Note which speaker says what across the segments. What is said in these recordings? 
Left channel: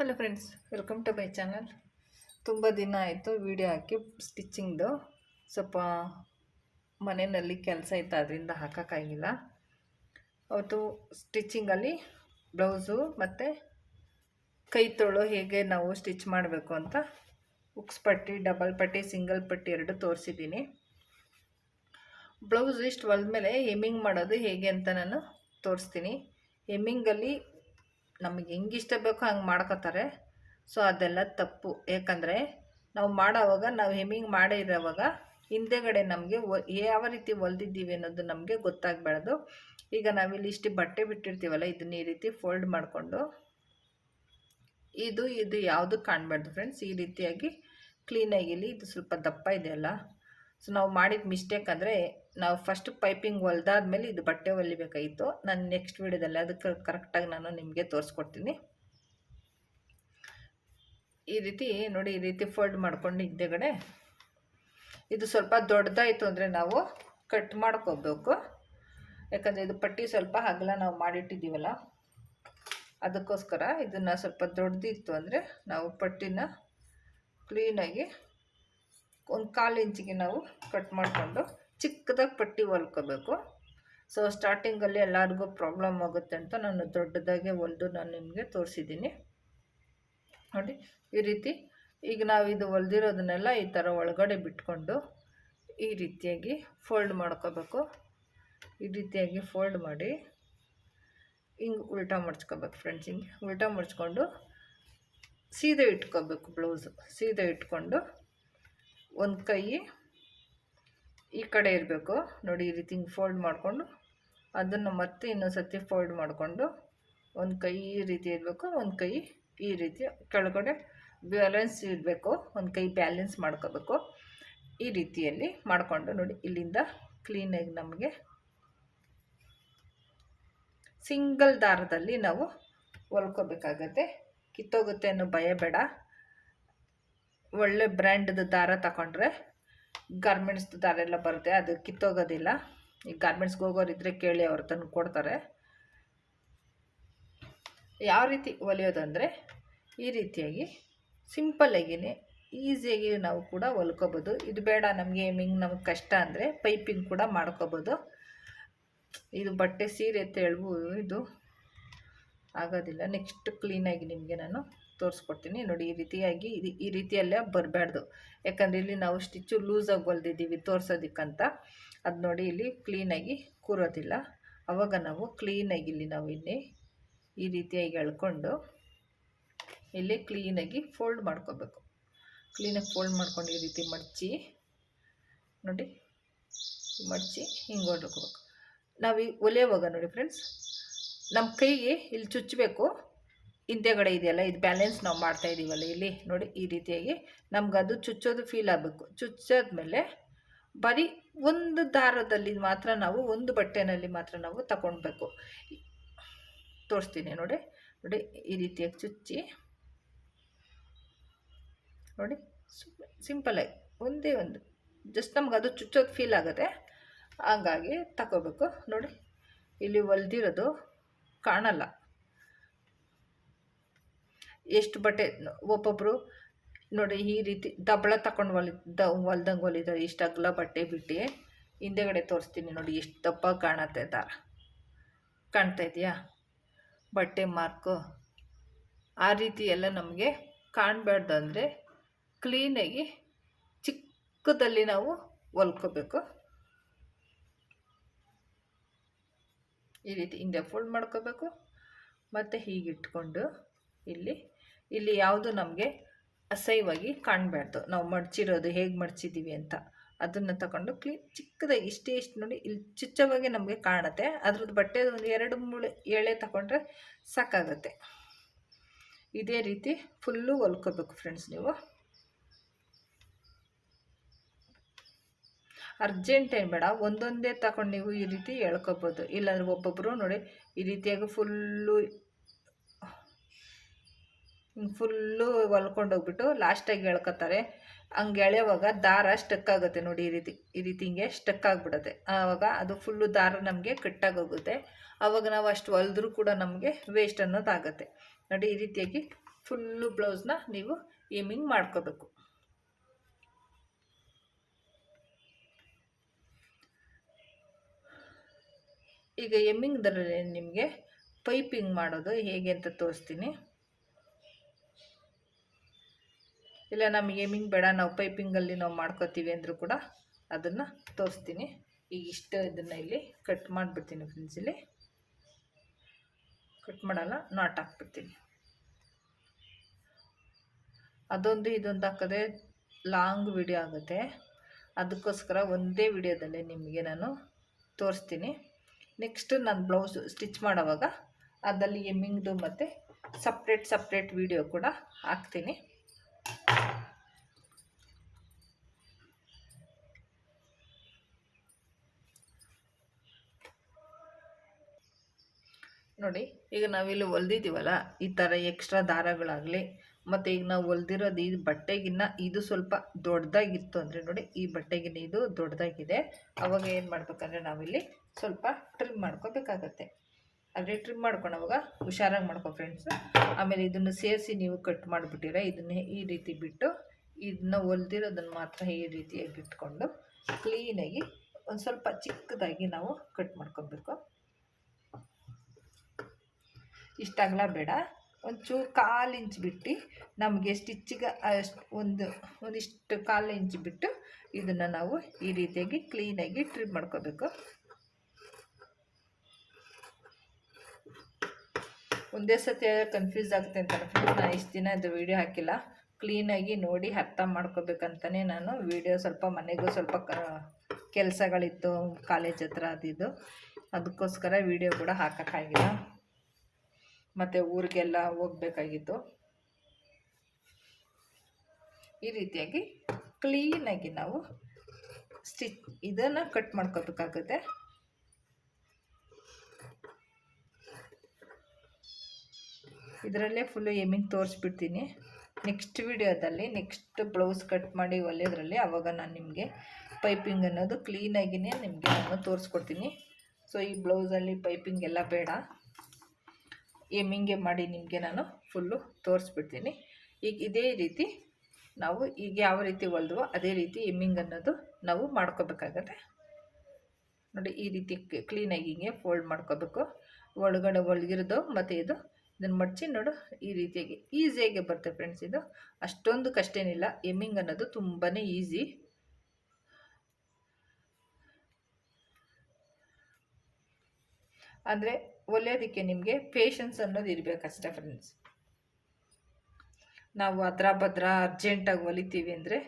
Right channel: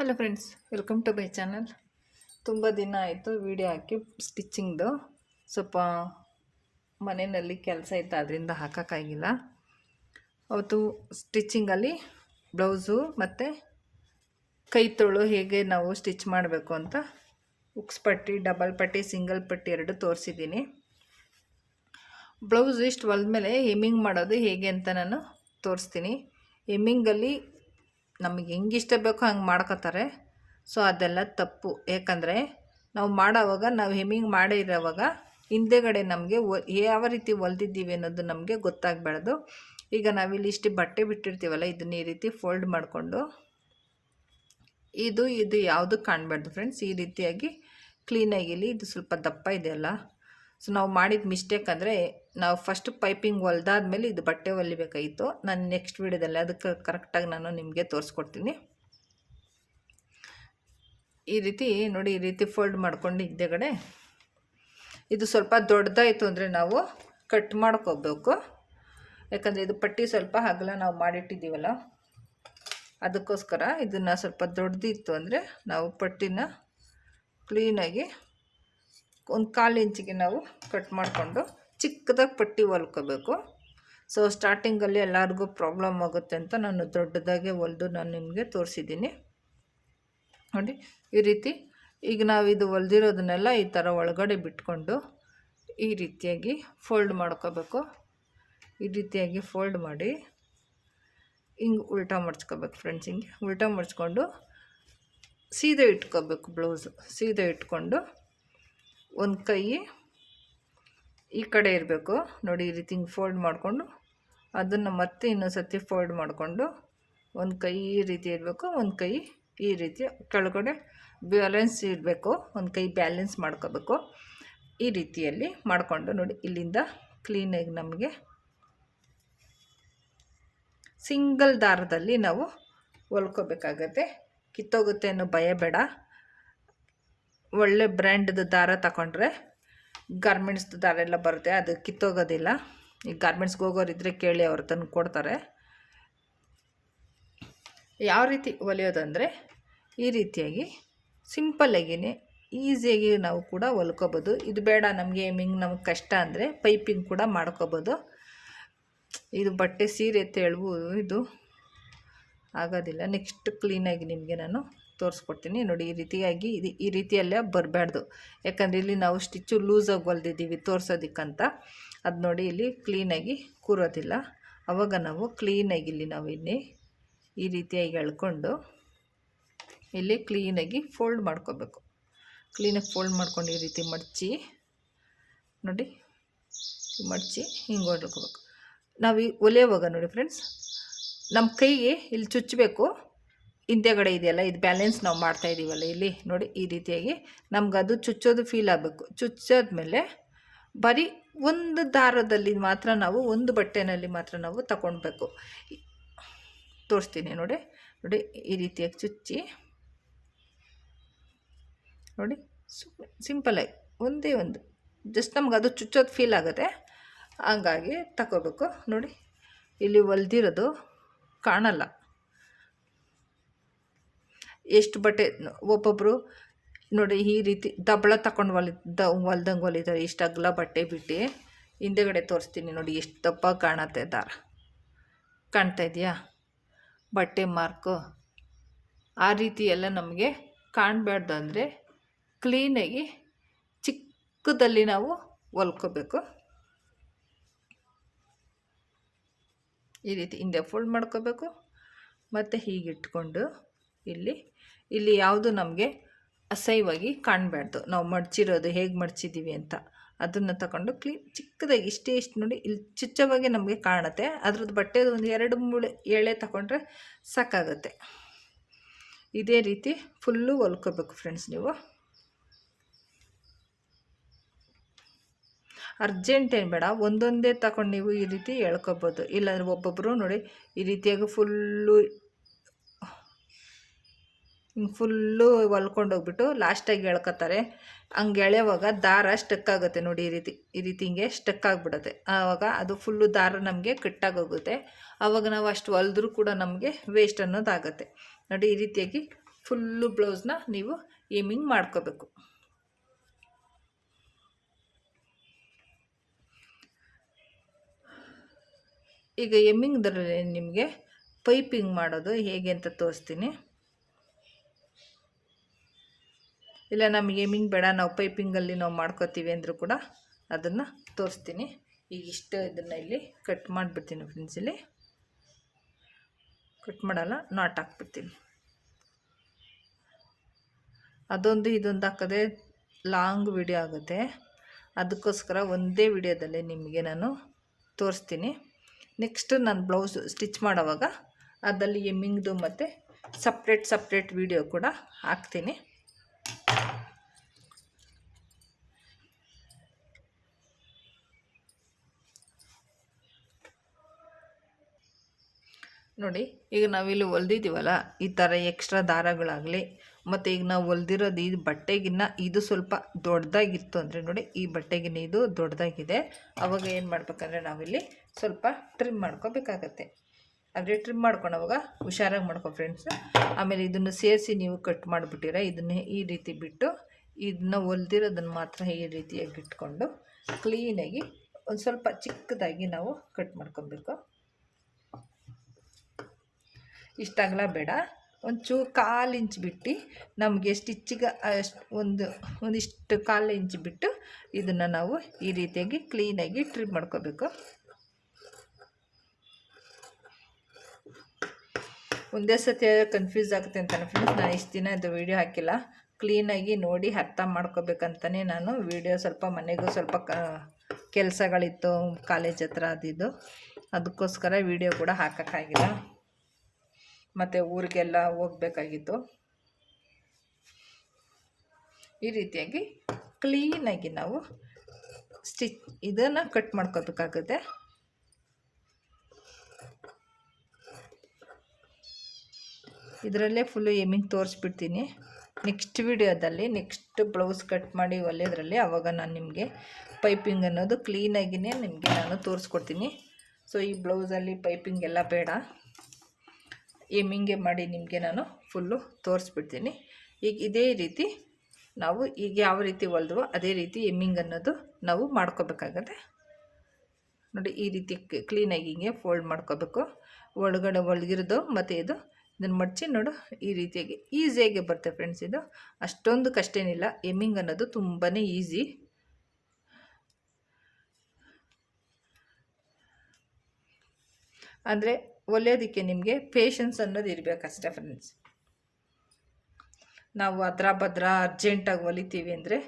Speaker 1: Hello friends welcome to my channel ತುಂಬ ದಿನ ಆಯಿತು ವಿಡಿಯೋ ಹಾಕಿ ಸ್ಟಿಚ್ಚಿಂಗ್ದು ಸ್ವಲ್ಪ ಮನೆಯಲ್ಲಿ ಕೆಲಸ ಇತ್ತು, ಅದರಿಂದ ಹಾಕೋಕ್ಕಾಗಿಲ್ಲ ಅವತ್ತು ಸ್ಟಿಚ್ಚಿಂಗಲ್ಲಿ ಬ್ಲೌಸು ಮತ್ತು ಕೈ ತೊಳು ಹೇಗೆ ನಾವು ಸ್ಟಿಚ್ ಮಾಡಬೇಕು ಅಂತ ಉಕ್ಸ್ ಪಟ್ಟಿ ಡಬಲ್ ಪಟ್ಟಿ ಸಿಂಗಲ್ ಪಟ್ಟಿ ಎರಡು ತೋರಿಸಿದ್ದೀನಿ. ಬ್ಲೌಸ್ ಇಷ್ಟು ಹೊಲ್ದ ಮೇಲೆ ಹೆಮ್ಮಿಂಗ್ ಮಾಡೋದು ಹೇಗೆ ಅಂತ ನಾನು ತೋರಿಸ್ತೀನಿ. ಹೆಮ್ಮಿಂಗಲ್ಲಿ ನಮಗೆ ಹೆಂಗೆ ಇಷ್ಟ ಬೇಕೋ ಹಂಗೆ ಮಾಡ್ಕೋತಾರೆ. ಸೊ ಅದೆಲ್ಲ ತಪ್ಪು. ಏಕೆಂದರೆ ನಾವು ಮಾಡೋವಾಗ ನಾವು ಹೆಮ್ಮಿಂಗ್ ಮಾಡಿರೋವಾಗ ಹಿಂದೆಗಡೆ ನಮಗೆ ಯಾವ ರೀತಿ ಹೊಲ್ದಿದ್ದೀವಿ ಅನ್ನೋದು ನಮಗೆ ಗೊತ್ತಾಗಬಾರ್ದು. ಈಗ ನಾವಿಲ್ಲಿ ಇಷ್ಟು ಬಟ್ಟೆ ಬಿಟ್ಟಿರ್ತೀವಲ್ಲ, ಇದನ್ನ ಈ ರೀತಿ ಫೋಲ್ಡ್ ಮಾಡಿಕೊಂಡು ಇದು ಇದು ಯಾವುದು ಕಾಣಬಾರ್ದು ಫ್ರೆಂಡ್ಸ್ ಈ ರೀತಿಯಾಗಿ ಕ್ಲೀನಾಗಿ ಇಲ್ಲಿ ಇದು ಸ್ವಲ್ಪ ದಪ್ಪ ಇದೆಯಲ್ಲ ಸೊ ನಾವು ಮಾಡಿದ ಮಿಸ್ಟೇಕ್ ಅಂದರೆ ನಾವು ಫಸ್ಟ್ ಪೈಪಿಂಗ್ ಹೊಲ್ದಾದ್ಮೇಲೆ ಇದು ಬಟ್ಟೆ ಹೊಲಿಬೇಕಾಯಿತು. ನಾನು ನೆಕ್ಸ್ಟ್ ವೀಡಿಯೋದಲ್ಲಿ ಅದಕ್ಕೆ ಕರೆಕ್ಟಾಗಿ ನಾನು ನಿಮಗೆ ತೋರಿಸ್ಕೊಡ್ತೀನಿ. ಈ ರೀತಿ ನೋಡಿ, ಈ ರೀತಿ ಫೋಲ್ಡ್ ಮಾಡ್ಕೊಂಡು ಇದ್ದೆಗಡೆ ಇದು ಸ್ವಲ್ಪ ದೊಡ್ಡದಾಯಿತು ಅಂದರೆ ನಾವು ಕಟ್ ಮಾಡ್ಕೋಬೇಕು. ಯಾಕಂದರೆ ಇದು ಪಟ್ಟಿ ಸ್ವಲ್ಪ ಹಗಲ ನಾವು ಮಾಡಿಟ್ಟಿದ್ದೀವಲ್ಲ, ಅದಕ್ಕೋಸ್ಕರ ಇದನ್ನು ಸ್ವಲ್ಪ ದೊಡ್ಡದಿತ್ತು ಅಂದರೆ ನಾವು ಪಟ್ಟಿನ ಕ್ಲೀನಾಗಿ ಒಂದು ಕಾಲು ಇಂಚಿಗೆ ನಾವು ಕಟ್ ಮಾಡಿಕೊಂಡು ಚಿಕ್ಕದಾಗಿ ಪಟ್ಟಿ ಹೊಲ್ಕೋಬೇಕು. ಸೊ ಸ್ಟಾರ್ಟಿಂಗಲ್ಲಿ ಎಲ್ಲರಿಗೂ ಪ್ರಾಬ್ಲಮ್ ಆಗುತ್ತೆ ಅಂತ ನಾನು ದೊಡ್ಡದಾಗೆ ಹೊಲ್ದು ನಾನು ನಿಮಗೆ ತೋರಿಸಿದ್ದೀನಿ. ನೋಡಿ, ಈ ರೀತಿ. ಈಗ ನಾವು ಇದು ಹೊಲ್ದಿರೋದನ್ನೆಲ್ಲ ಈ ಥರ ಒಳಗಡೆ ಬಿಟ್ಕೊಂಡು ಈ ರೀತಿಯಾಗಿ ಫೋಲ್ಡ್ ಮಾಡ್ಕೋಬೇಕು. ಈ ರೀತಿಯಾಗಿ ಫೋಲ್ಡ್ ಮಾಡಿ ಹಿಂಗೆ ಉಲ್ಟಾ ಮಡ್ಚ್ಕೋಬೇಕು ಫ್ರೆಂಡ್ಸ್ ಹಿಂಗೆ. ಉಲ್ಟಾ ಮಡ್ಚ್ಕೊಂಡು ಸೀದಾ ಇಟ್ಕೋಬೇಕು ಬ್ಲೌಸು ಸೀದಾ ಇಟ್ಕೊಂಡು ಒಂದು ಕೈ ಈ ಕಡೆ ಇರಬೇಕು. ನೋಡಿ, ಈ ರೀತಿ ಫೋಲ್ಡ್ ಮಾಡಿಕೊಂಡು ಅದನ್ನು ಮತ್ತೆ ಇನ್ನೊಂದು ಸತಿ ಫೋಲ್ಡ್ ಮಾಡಿಕೊಂಡು ಒಂದು ಕೈ ಈ ರೀತಿ ಇರಬೇಕು, ಒಂದು ಕೈ ಈ ರೀತಿ. ಕೆಳಗಡೆ ಬ್ಯಾಲೆನ್ಸ್ ಇರಬೇಕು, ಒಂದು ಕೈ ಬ್ಯಾಲೆನ್ಸ್ ಮಾಡ್ಕೋಬೇಕು. ಈ ರೀತಿಯಲ್ಲಿ ಮಾಡಿಕೊಂಡು ನೋಡಿ, ಇಲ್ಲಿಂದ ಕ್ಲೀನಾಗಿ ನಮಗೆ ಸಿಂಗಲ್ ದಾರದಲ್ಲಿ ನಾವು ಹೊಲ್ಕೋಬೇಕಾಗತ್ತೆ. ಕಿತ್ತೋಗುತ್ತೆ ಅನ್ನೋ ಭಯ ಬೇಡ. ಒಳ್ಳೆ ಬ್ರ್ಯಾಂಡ್ದು ದಾರ ತಗೊಂಡ್ರೆ ಗಾರ್ಮೆಂಟ್ಸ್ದು ದಾರೆಲ್ಲ ಬರುತ್ತೆ, ಅದು ಕಿತ್ತೋಗೋದಿಲ್ಲ. ಈ ಗಾರ್ಮೆಂಟ್ಸ್ಗೆ ಹೋಗೋರಿದ್ರೆ ಕೇಳಿ ಅವ್ರು ತಂದು ಕೊಡ್ತಾರೆ. ಯಾವ ರೀತಿ ಹೊಲಿಯೋದು ಅಂದರೆ, ಈ ರೀತಿಯಾಗಿ ಸಿಂಪಲ್ಲಾಗಿಯೇ ಈಸಿಯಾಗಿ ನಾವು ಕೂಡ ಹೊಲ್ಕೋಬೋದು. ಇದು ಬೇಡ ನಮಗೆ ಮಿಂಗ್ ನಮಗೆ ಕಷ್ಟ ಅಂದರೆ ಪೈಪಿಂಗ್ ಕೂಡ ಮಾಡ್ಕೋಬೋದು. ಇದು ಬಟ್ಟೆ ಸೀರೆ ತೆಳುವು ಇದು ಆಗೋದಿಲ್ಲ. ನೆಕ್ಸ್ಟ್ ಕ್ಲೀನಾಗಿ ನಿಮಗೆ ನಾನು ತೋರಿಸ್ಕೊಡ್ತೀನಿ. ನೋಡಿ, ಈ ರೀತಿಯಾಗಿ ಇದು ಈ ರೀತಿಯಲ್ಲೇ ಬರಬಾರ್ದು ಯಾಕಂದರೆ ಇಲ್ಲಿ ನಾವು ಸ್ಟಿಚ್ಚು ಲೂಸಾಗಿ ಹೊಲ್ದಿದ್ದೀವಿ ತೋರಿಸೋದಕ್ಕಂತ. ಅದು ನೋಡಿ ಇಲ್ಲಿ ಕ್ಲೀನಾಗಿ ಕೂರೋದಿಲ್ಲ. ಅವಾಗ ನಾವು ಕ್ಲೀನಾಗಿ ಇಲ್ಲಿ ನಾವು ಇಲ್ಲಿ ಈ ರೀತಿಯಾಗಿ ಎಳ್ಕೊಂಡು ಇಲ್ಲಿ ಕ್ಲೀನಾಗಿ ಫೋಲ್ಡ್ ಮಾಡ್ಕೋಬೇಕು. ಕ್ಲೀನಾಗಿ ಫೋಲ್ಡ್ ಮಾಡ್ಕೊಂಡು ಈ ರೀತಿ ಮಡಚಿ, ನೋಡಿ, ಮಡಚಿ ಹಿಂಗೆ ಹೊಡ್ಕೋಬೇಕು. ನಾವು ಈ ಒಲೆಯುವಾಗ ನೋಡಿ ಫ್ರೆಂಡ್ಸ್, ನಮ್ಮ ಕೈಗೆ ಇಲ್ಲಿ ಚುಚ್ಚಬೇಕು. ಹಿಂದೆಗಡೆ ಇದೆಯಲ್ಲ, ಇದು ಬ್ಯಾಲೆನ್ಸ್ ನಾವು ಮಾಡ್ತಾ ಇದ್ದೀವಲ್ಲ ಇಲ್ಲಿ, ನೋಡಿ ಈ ರೀತಿಯಾಗಿ ನಮ್ಗೆ ಅದು ಚುಚ್ಚೋದು ಫೀಲ್ ಆಗಬೇಕು. ಚುಚ್ಚಾದ್ಮೇಲೆ ಬರೀ ಒಂದು ದಾರದಲ್ಲಿ ಮಾತ್ರ ನಾವು, ಒಂದು ಬಟ್ಟೆನಲ್ಲಿ ಮಾತ್ರ ನಾವು ತಗೊಳ್ಬೇಕು ತೋರಿಸ್ತೀನಿ ನೋಡಿ ನೋಡಿ ಈ ರೀತಿಯಾಗಿ ಚುಚ್ಚಿ. ನೋಡಿ ಸಿಂಪಲಾಗಿ ಒಂದೇ ಒಂದು ಜಸ್ಟ್ ನಮ್ಗೆ ಅದು ಚುಚ್ಚೋದು ಫೀಲ್ ಆಗುತ್ತೆ ಹಂಗಾಗಿ ತಗೋಬೇಕು ನೋಡಿ, ಇಲ್ಲಿ ಹೊಲ್ದಿರೋದು ಕಾಣಲ್ಲ. ಎಷ್ಟು ಬಟ್ಟೆ ಒಬ್ಬೊಬ್ಬರು ನೋಡಿ ಈ ರೀತಿ ದಬಳ ತಗೊಂಡು ಹೊಲಿ ದ, ಹೊಲ್ದಂಗೆ ಹೊಲಿತಾರೆ ಇಷ್ಟು ಅಗಲ ಬಟ್ಟೆ ಬಿಟ್ಟು ಹಿಂದೆಗಡೆ ತೋರಿಸ್ತೀನಿ ನೋಡಿ ಎಷ್ಟು ದಪ್ಪ ಕಾಣತ್ತೆ ದಾರ ಕಾಣ್ತಾ ಇದೆಯಾ? ಬಟ್ಟೆ ಮಾರ್ಕು. ಆ ರೀತಿ ಎಲ್ಲ ನಮಗೆ ಕಾಣಬಾರ್ದು ಅಂದರೆ ಕ್ಲೀನಾಗಿ ಚಿಕ್ಕದಲ್ಲಿ ನಾವು ಹೊಲ್ಕೋಬೇಕು. ಈ ರೀತಿ ಹಿಂದೆ ಫೋಲ್ಡ್ ಮಾಡ್ಕೋಬೇಕು. ಮತ್ತು ಹೀಗಿಟ್ಕೊಂಡು ಇಲ್ಲಿ ಇಲ್ಲಿ ಯಾವುದು ನಮಗೆ ಅಸಹ್ಯವಾಗಿ ಕಾಣಬಾರ್ದು. ನಾವು ಮಡ್ಚಿರೋದು ಹೇಗೆ ಮಡ್ಚಿದ್ದೀವಿ ಅಂತ. ಅದನ್ನು ತಗೊಂಡು ಕ್ಲೀನ್ ಚಿಕ್ಕದಾಗಿ ಇಷ್ಟೇ ಇಷ್ಟು ನೋಡಿ ಇಲ್ಲಿ ಚುಚ್ಚವಾಗಿ ನಮಗೆ ಕಾಣುತ್ತೆ. ಅದ್ರದ್ದು ಬಟ್ಟೆ ಒಂದು ಎರಡು ಮೂಳೆ ಎಳೆ ತಗೊಂಡ್ರೆ ಸಾಕಾಗುತ್ತೆ. ಇದೇ ರೀತಿ ಫುಲ್ಲು ಹೊಲ್ಕೋಬೇಕು ಫ್ರೆಂಡ್ಸ್ ನೀವು. ಅರ್ಜೆಂಟ್ ಏನು ಬೇಡ, ಒಂದೊಂದೇ ತಗೊಂಡು ನೀವು ಈ ರೀತಿ ಎಳ್ಕೊಬೋದು. ಇಲ್ಲಾಂದರೆ ಒಬ್ಬೊಬ್ಬರು ನೋಡಿ ಈ ರೀತಿಯಾಗಿ ಫುಲ್ಲು ಫುಲ್ಲು ಹೊಲ್ಕೊಂಡು ಹೋಗ್ಬಿಟ್ಟು ಲಾಸ್ಟಾಗಿ ಎಳ್ಕೊತಾರೆ ಹಂಗೆ ಎಳೆಯುವಾಗ ದಾರ ಸ್ಟಕ್ ಆಗುತ್ತೆ ನೋಡಿ ಈ ರೀತಿ ಈ ರೀತಿ ಹಿಂಗೆ ಸ್ಟಕ್ ಆಗಿಬಿಡುತ್ತೆ. ಆವಾಗ ಅದು ಫುಲ್ಲು ದಾರ ನಮಗೆ ಕಟ್ಟಾಗೋಗುತ್ತೆ ಆವಾಗ ನಾವು ಅಷ್ಟು ಹೊಲಿದ್ರೂ ಕೂಡ ನಮಗೆ ವೇಸ್ಟ್ ಅನ್ನೋದಾಗುತ್ತೆ ನೋಡಿ ಈ ರೀತಿಯಾಗಿ ಫುಲ್ಲು ಬ್ಲೌಸ್ನ ನೀವು ಏಮಿಂಗ್ ಮಾಡ್ಕೋಬೇಕು. ಈಗ ಎಮ್ಮಿಂಗ್ದರಲ್ಲಿ ನಿಮಗೆ ಪೈಪಿಂಗ್ ಮಾಡೋದು ಹೇಗೆ ಅಂತ ತೋರಿಸ್ತೀನಿ. ಇಲ್ಲ, ನಮಗೆ ಏಮಿಂಗ್ ಬೇಡ, ನಾವು ಪೈಪಿಂಗಲ್ಲಿ ನಾವು ಮಾಡ್ಕೋತೀವಿ ಅಂದರೂ ಕೂಡ ಅದನ್ನು ತೋರಿಸ್ತೀನಿ. ಈಗ ಇಷ್ಟು ಇದನ್ನು ಇಲ್ಲಿ ಕಟ್ ಮಾಡಿಬಿಡ್ತೀನಿ ಫ್ರೆಂಡ್ಸ್ ಇಲ್ಲಿ. ಕಟ್ ಮಾಡಲ್ಲ ನಾಟ್ ಹಾಕ್ಬಿಡ್ತೀನಿ. ಅದೊಂದು ಇದೊಂದು ಹಾಕೋದೇ ಲಾಂಗ್ ವಿಡಿಯೋ ಆಗುತ್ತೆ. ಅದಕ್ಕೋಸ್ಕರ ಒಂದೇ ವಿಡಿಯೋದಲ್ಲಿ ನಿಮಗೆ ನಾನು ತೋರಿಸ್ತೀನಿ. ನೆಕ್ಸ್ಟ್ ನಾನು ಬ್ಲೌಸ್ ಸ್ಟಿಚ್ ಮಾಡೋವಾಗ, ಅದರಲ್ಲಿ ಎಮ್ಮಿಂಗ್ದು ಮತ್ತು ಸಪ್ರೇಟ್ ಸಪ್ರೇಟ್ ವಿಡಿಯೋ ಕೂಡ ಹಾಕ್ತೀನಿ. ನೋಡಿ, ಈಗ ನಾವಿಲ್ಲಿ ಹೊಲ್ದಿದ್ದೀವಲ್ಲ, ಈ ಥರ ಎಕ್ಸ್ಟ್ರಾ ದಾರಗಳಾಗಲಿ, ಮತ್ತು ಈಗ ನಾವು ಹೊಲ್ದಿರೋದು ಈ ಬಟ್ಟೆಗಿನ್ನ ಇದು ಸ್ವಲ್ಪ ದೊಡ್ಡದಾಗಿತ್ತು ಅಂದರೆ ನೋಡಿ, ಈ ಬಟ್ಟೆಗಿನ್ನ ಇದು ದೊಡ್ಡದಾಗಿದೆ. ಅವಾಗ ಏನು ಮಾಡ್ಬೇಕಂದ್ರೆ ನಾವಿಲ್ಲಿ ಸ್ವಲ್ಪ ಟ್ರಿಮ್ ಮಾಡ್ಕೋಬೇಕಾಗತ್ತೆ. ಆದರೆ ಟ್ರಿಮ್ ಮಾಡ್ಕೊಳವಾಗ ಹುಷಾರಾಗಿ ಮಾಡ್ಕೊ ಫ್ರೆಂಡ್ಸ್ ಆಮೇಲೆ ಇದನ್ನು ಸೇರಿಸಿ ನೀವು ಕಟ್ ಮಾಡಿಬಿಟ್ಟಿರ, ಇದನ್ನೇ ಈ ರೀತಿ ಬಿಟ್ಟು ಇದನ್ನ ಹೊಲ್ದಿರೋದನ್ನು ಮಾತ್ರ ಈ ರೀತಿಯಾಗಿ ಇಟ್ಕೊಂಡು ಕ್ಲೀನಾಗಿ ಒಂದು ಸ್ವಲ್ಪ ಚಿಕ್ಕದಾಗಿ ನಾವು ಕಟ್ ಮಾಡ್ಕೊಬೇಕು. ಇಷ್ಟಾಗಲ ಬೇಡ. ಒಂಚೂರು ಕಾಲು ಇಂಚ್ ಬಿಟ್ಟು ನಮಗೆ ಸ್ಟಿಚ್ಚಿಗೆ ಅಷ್ಟು ಒಂದು, ಒಂದಿಷ್ಟು ಕಾಲು ಇಂಚ್ ಬಿಟ್ಟು ಇದನ್ನು ನಾವು ಈ ರೀತಿಯಾಗಿ ಕ್ಲೀನಾಗಿ ಟ್ರಿಮ್ ಮಾಡ್ಕೋಬೇಕು. ಒಂದೇ ಸತಿ ಕನ್ಫ್ಯೂಸ್ ಆಗುತ್ತೆ ಅಂತ ಫ್ರೆಂಡ್ಸ್ ನಾನು ಇಷ್ಟು ದಿನ ಅದು ವೀಡಿಯೋ ಹಾಕಿಲ್ಲ. ಕ್ಲೀನಾಗಿ ನೋಡಿ ಅರ್ಥ ಮಾಡ್ಕೋಬೇಕಂತಲೇ ನಾನು ವೀಡಿಯೋ ಸ್ವಲ್ಪ ಮನೆಗೂ ಸ್ವಲ್ಪ ಕ ಕೆಲಸಗಳಿತ್ತು, ಕಾಲೇಜ್ ಹತ್ರ ಅದಿದ್ದು. ಅದಕ್ಕೋಸ್ಕರ ವೀಡಿಯೋ ಕೂಡ ಹಾಕೋಕ್ಕಾಗಿಲ್ಲ. ಮತ್ತು ಊರಿಗೆಲ್ಲ ಹೋಗ್ಬೇಕಾಗಿತ್ತು. ಈ ರೀತಿಯಾಗಿ ಕ್ಲೀನಾಗಿ ನಾವು ಸ್ಟಿಚ್ ಇದನ್ನು ಕಟ್ ಮಾಡ್ಕೋಬೇಕಾಗುತ್ತೆ ಇದರಲ್ಲೇ ಫುಲ್ಲು ಎಮ್ಮಿಂಗ್ ತೋರಿಸ್ಬಿಡ್ತೀನಿ. ನೆಕ್ಸ್ಟ್ ವಿಡಿಯೋದಲ್ಲಿ ನೆಕ್ಸ್ಟ್ ಬ್ಲೌಸ್ ಕಟ್ ಮಾಡಿ ಒಲೆಯೋದ್ರಲ್ಲಿ ಆವಾಗ ನಾನು ನಿಮಗೆ ಪೈಪಿಂಗ್ ಅನ್ನೋದು ಕ್ಲೀನಾಗಿಯೇ ನಿಮಗೆ ನಾನು ತೋರಿಸ್ಕೊಡ್ತೀನಿ. ಸೊ ಈ ಬ್ಲೌಸಲ್ಲಿ ಪೈಪಿಂಗ್ ಎಲ್ಲ ಬೇಡ. ಎಮ್ಮಿಂಗೆ ಮಾಡಿ ನಿಮಗೆ ನಾನು ಫುಲ್ಲು ತೋರಿಸ್ಬಿಡ್ತೀನಿ. ಈಗ ಇದೇ ರೀತಿ ನಾವು ಈಗ ಯಾವ ರೀತಿ ಹೊಲ್ದವೋ ಅದೇ ರೀತಿ ಎಮ್ಮಿಂಗ್ ಅನ್ನೋದು ನಾವು ಮಾಡ್ಕೋಬೇಕಾಗತ್ತೆ. ನೋಡಿ, ಈ ರೀತಿ ಕ್ಲೀನಾಗಿ ಹಿಂಗೆ ಫೋಲ್ಡ್ ಮಾಡ್ಕೋಬೇಕು. ಒಳಗಡೆ ಒಳಗಿರೋದು ಮತ್ತು ಇದು. ಇದನ್ನು ಮಡಚಿ ನೋಡು, ಈ ರೀತಿಯಾಗಿ ಈಸಿಯಾಗಿ ಬರುತ್ತೆ ಫ್ರೆಂಡ್ಸ್ ಇದು. ಅಷ್ಟೊಂದು ಕಷ್ಟೇನಿಲ್ಲ ಎಮ್ಮಿಂಗ್ ಅನ್ನೋದು ತುಂಬಾ ಈಸಿ. ಅಂದರೆ ಒಲೆಯೋದಕ್ಕೆ ನಿಮಗೆ ಪೇಷನ್ಸ್ ಅನ್ನೋದು ಇರಬೇಕಷ್ಟೇ ಫ್ರೆಂಡ್ಸ್ ನಾವು ಅದ್ರ ಭದ್ರ ಅರ್ಜೆಂಟಾಗಿ ಹೊಲಿತೀವಿ ಅಂದರೆ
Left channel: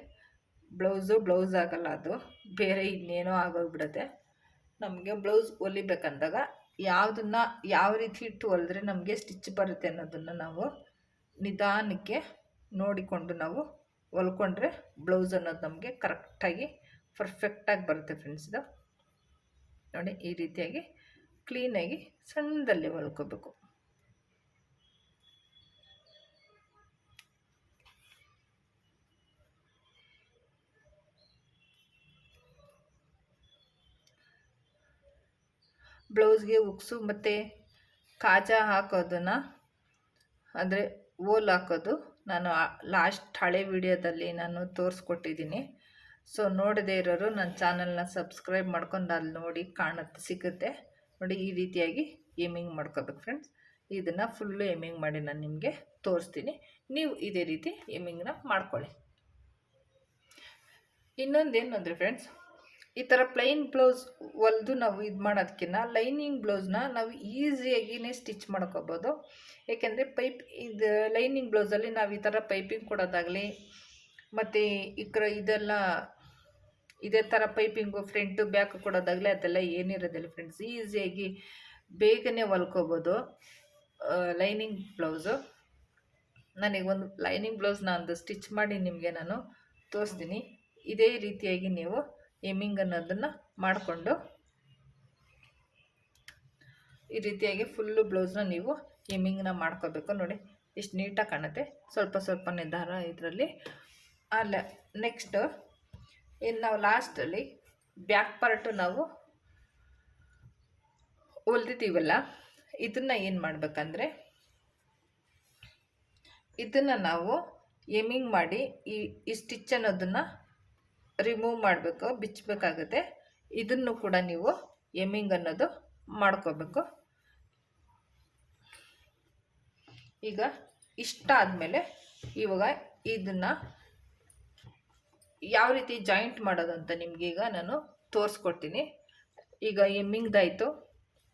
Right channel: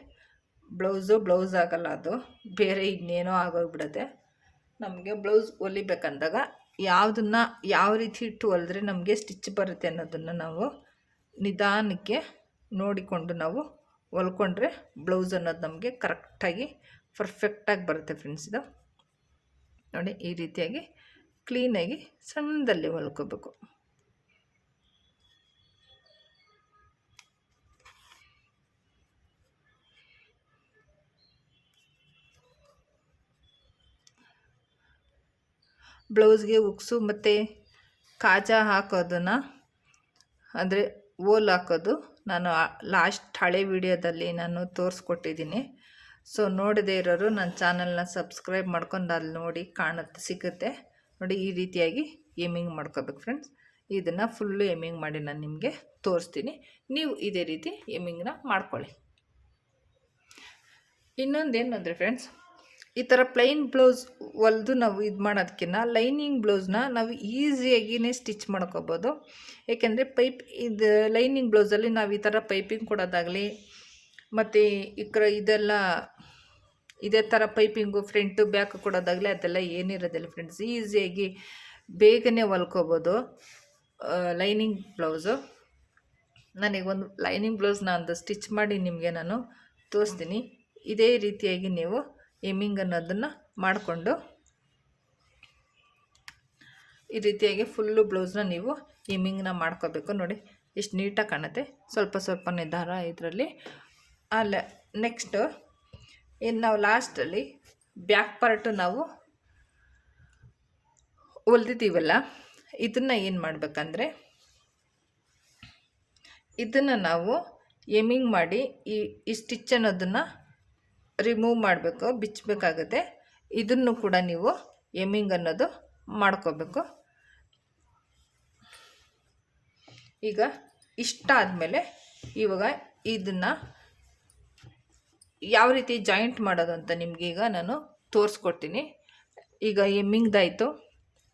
Speaker 1: ಬ್ಲೌಸು ಬ್ಲೌಸ್ ಆಗಲ್ಲ ಅದು. ಬೇರೆ ಇನ್ನೇನೋ ಆಗೋಗ್ಬಿಡುತ್ತೆ. ನಮಗೆ ಬ್ಲೌಸ್ ಹೊಲಿಬೇಕಂದಾಗ ಯಾವುದನ್ನು ಯಾವ ರೀತಿ ಇಟ್ಟು ಹೊಲಿದ್ರೆ ನಮಗೆ ಸ್ಟಿಚ್ ಬರುತ್ತೆ ಅನ್ನೋದನ್ನು ನಾವು ನಿಧಾನಕ್ಕೆ ನೋಡಿಕೊಂಡು ನಾವು ಹೊಲ್ಕೊಂಡ್ರೆ ಬ್ಲೌಸ್ ಅನ್ನೋದು ನಮಗೆ ಕರೆಕ್ಟಾಗಿ ಪರ್ಫೆಕ್ಟಾಗಿ ಬರುತ್ತೆ ಫ್ರೆಂಡ್ಸ್ ಇದು. ನೋಡಿ ಈ ರೀತಿಯಾಗಿ ಕ್ಲೀನಾಗಿ ಸಣ್ಣದಲ್ಲಿ ಹೊಲ್ಕೋಬೇಕು ಬ್ಲೌಸ್ಗೆ ಉಕ್ಸು ಮತ್ತು ಕಾಜ ಹಾಕೋದನ್ನು, ಅಂದರೆ ಓಲ್ ಹಾಕೋದು. ನಾನು ಲಾಸ್ಟ್ ಹಳೆ ವಿಡಿಯೋದಲ್ಲಿ ನಾನು ತೋರಿಸ್ಕೊಟ್ಟಿದ್ದೀನಿ. ಸೊ ನೋಡದೇ ಇರೋರು ನನ್ನ ಚಾನಲ್ನ ಸಬ್ಸ್ಕ್ರೈಬ್ ಮಾಡ್ಕೊಂಡು ಅಲ್ಲಿ ನೋಡಿ ಕಾಣುತ್ತೆ, ಸಿಗುತ್ತೆ. ನೋಡಿ ಈ ರೀತಿಯಾಗಿ ಏಮಿಂಗ್ ಮಾಡ್ಕೋಬೇಕು ಫ್ರೆಂಡ್ಸ್ ಇದನ್ನು ಫುಲ್ಲು ಏಮಿಂಗ್ ಮಾಡಿ ನಾನು ನಿಮಗೆ ತೋರಿಸ್ತೀನಿ. ನೀವು ಇದೇ ರೀತಿ ಏಮಿಂಗ್ನ ಮಾಡ್ಕೊಳ್ಳಿ. ಇನ್ನೊಂದೇನು ಅಂದರೆ ಫ್ರೆಂಡ್ಸ್ ಈ ಥರ ಪ್ಲೈನ್ ಬ್ಲೌಸ್ ಹೊಲಿದು ನಾವು ಇದು ಮಾಡೋದಕ್ಕಿಂತ ಲೈನಿಂಗ್ ಬ್ಲೌಸ್ನ ನಾವು ಈಸಿಯಾಗಿಯೇ ಸ್ಟಿಚ್ ಮಾಡ್ಕೋಬೋದು. ಏಕೆಂದರೆ ಪೈಪ್ ಇದು ಲೈನಿಂಗ್ ಬ್ಲೌಸಲ್ಲಿ ನಾವು ಈ ಥರ ಪೈಪಿಂಗ್ ಕೊಡೋದಾಗಲಿ, ಮತ್ತು ಈ ಇದೆಲ್ಲ ಇದೇ ಥರ ಪೈಪಿಂಗು ಫ್ರಂಟು ಬ್ಯಾಕ್ ಕೊಡೋದಾಗಲಿ ಅದೆಲ್ಲ ಏನಿರೋದಿಲ್ಲ ಫ್ರೆಂಡ್ಸ್. ಈಸಿಯಾಗಿ ಬೇಗನೆ ಹೊಲ್ಕೋಬೋದು. Lining blouse. ನನಗೆ ಒಂದು ಲೈನಿಂಗ್ ಬ್ಲೌಸ್ನ ಒಂದು ಸ್ಟಿಚ್ ಮಾಡಿ ನಿಮಗೆ ನಾನು ತೋರಿಸ್ತೀನಿ. ಇದೇ ರೀತಿಯಾಗಿ ನೀವು ಎಮ್ಮಿಂಗ್ ಅನ್ನೋದನ್ನು ಮಾಡಿಕೊಂಡು ಈ ರೀತಿಯಾಗಿ ಫುಲ್ಲು ಬ್ಲೌಸ್ನ ನೀವು ಎಮ್ಮಿಂಗ್ನ ಮಾಡ್ಕೋಬೇಕು. ನೋಡಿ, ಎಷ್ಟು ನೀಟಾಗಿ ಕಾಣುತ್ತೆ. ಸ್ವಲ್ಪ ಸ್ವಲ್ಪ ನಿಧಾರ ಇದರಲ್ಲಿ. ಅಲ್ಲ, ನೆಕ್ಸ್ಟು ಇನ್ನು ನಾವು ಲಾಸ್ಟಲ್ಲಿ ಬ್ಯಾಕ್ ಪಾರ್ಟು ನಾವು ಹೊಲ್ದಿದ್ದೀವಲ್ಲ, ಇದನ್ನು ಏನು ಮಾಡಬೇಕಂದ್ರೆ ಇದನ್ನು ನಾವು ಎಮಿಂಗ್ ಮಾಡಿ ಈ ಈ ಸ್ಟಿಚ್ ಅನ್ನೋದನ್ನು ರಿಮೂವ್ ಮಾಡಬೇಕು ಬಿಚ್ಚಬೇಕಾಗುತ್ತೆ ಇದನ್ನು ಕೂಡ ನೀವು ಎಮಿಂಗ್ ಅನ್ನೋದು ಮಾಡ್ಕೋಬೇಕು. ಈಗ ಇಷ್ಟ ಆದಮೇಲೆ ಇವಾಗ ಇದನ್ನು ಯಾವ ರೀತಿ ಜಾಯಿಂಟ್ ಮಾಡೋದು ಅಂತ ನಿಮಗೆ ಈಗ ನಾನು ತೋರಿಸ್ಕೊಡ್ತೀನಿ. ಈಗ ಎಮ್ಮಿಂಗ್ದಾಯಿತು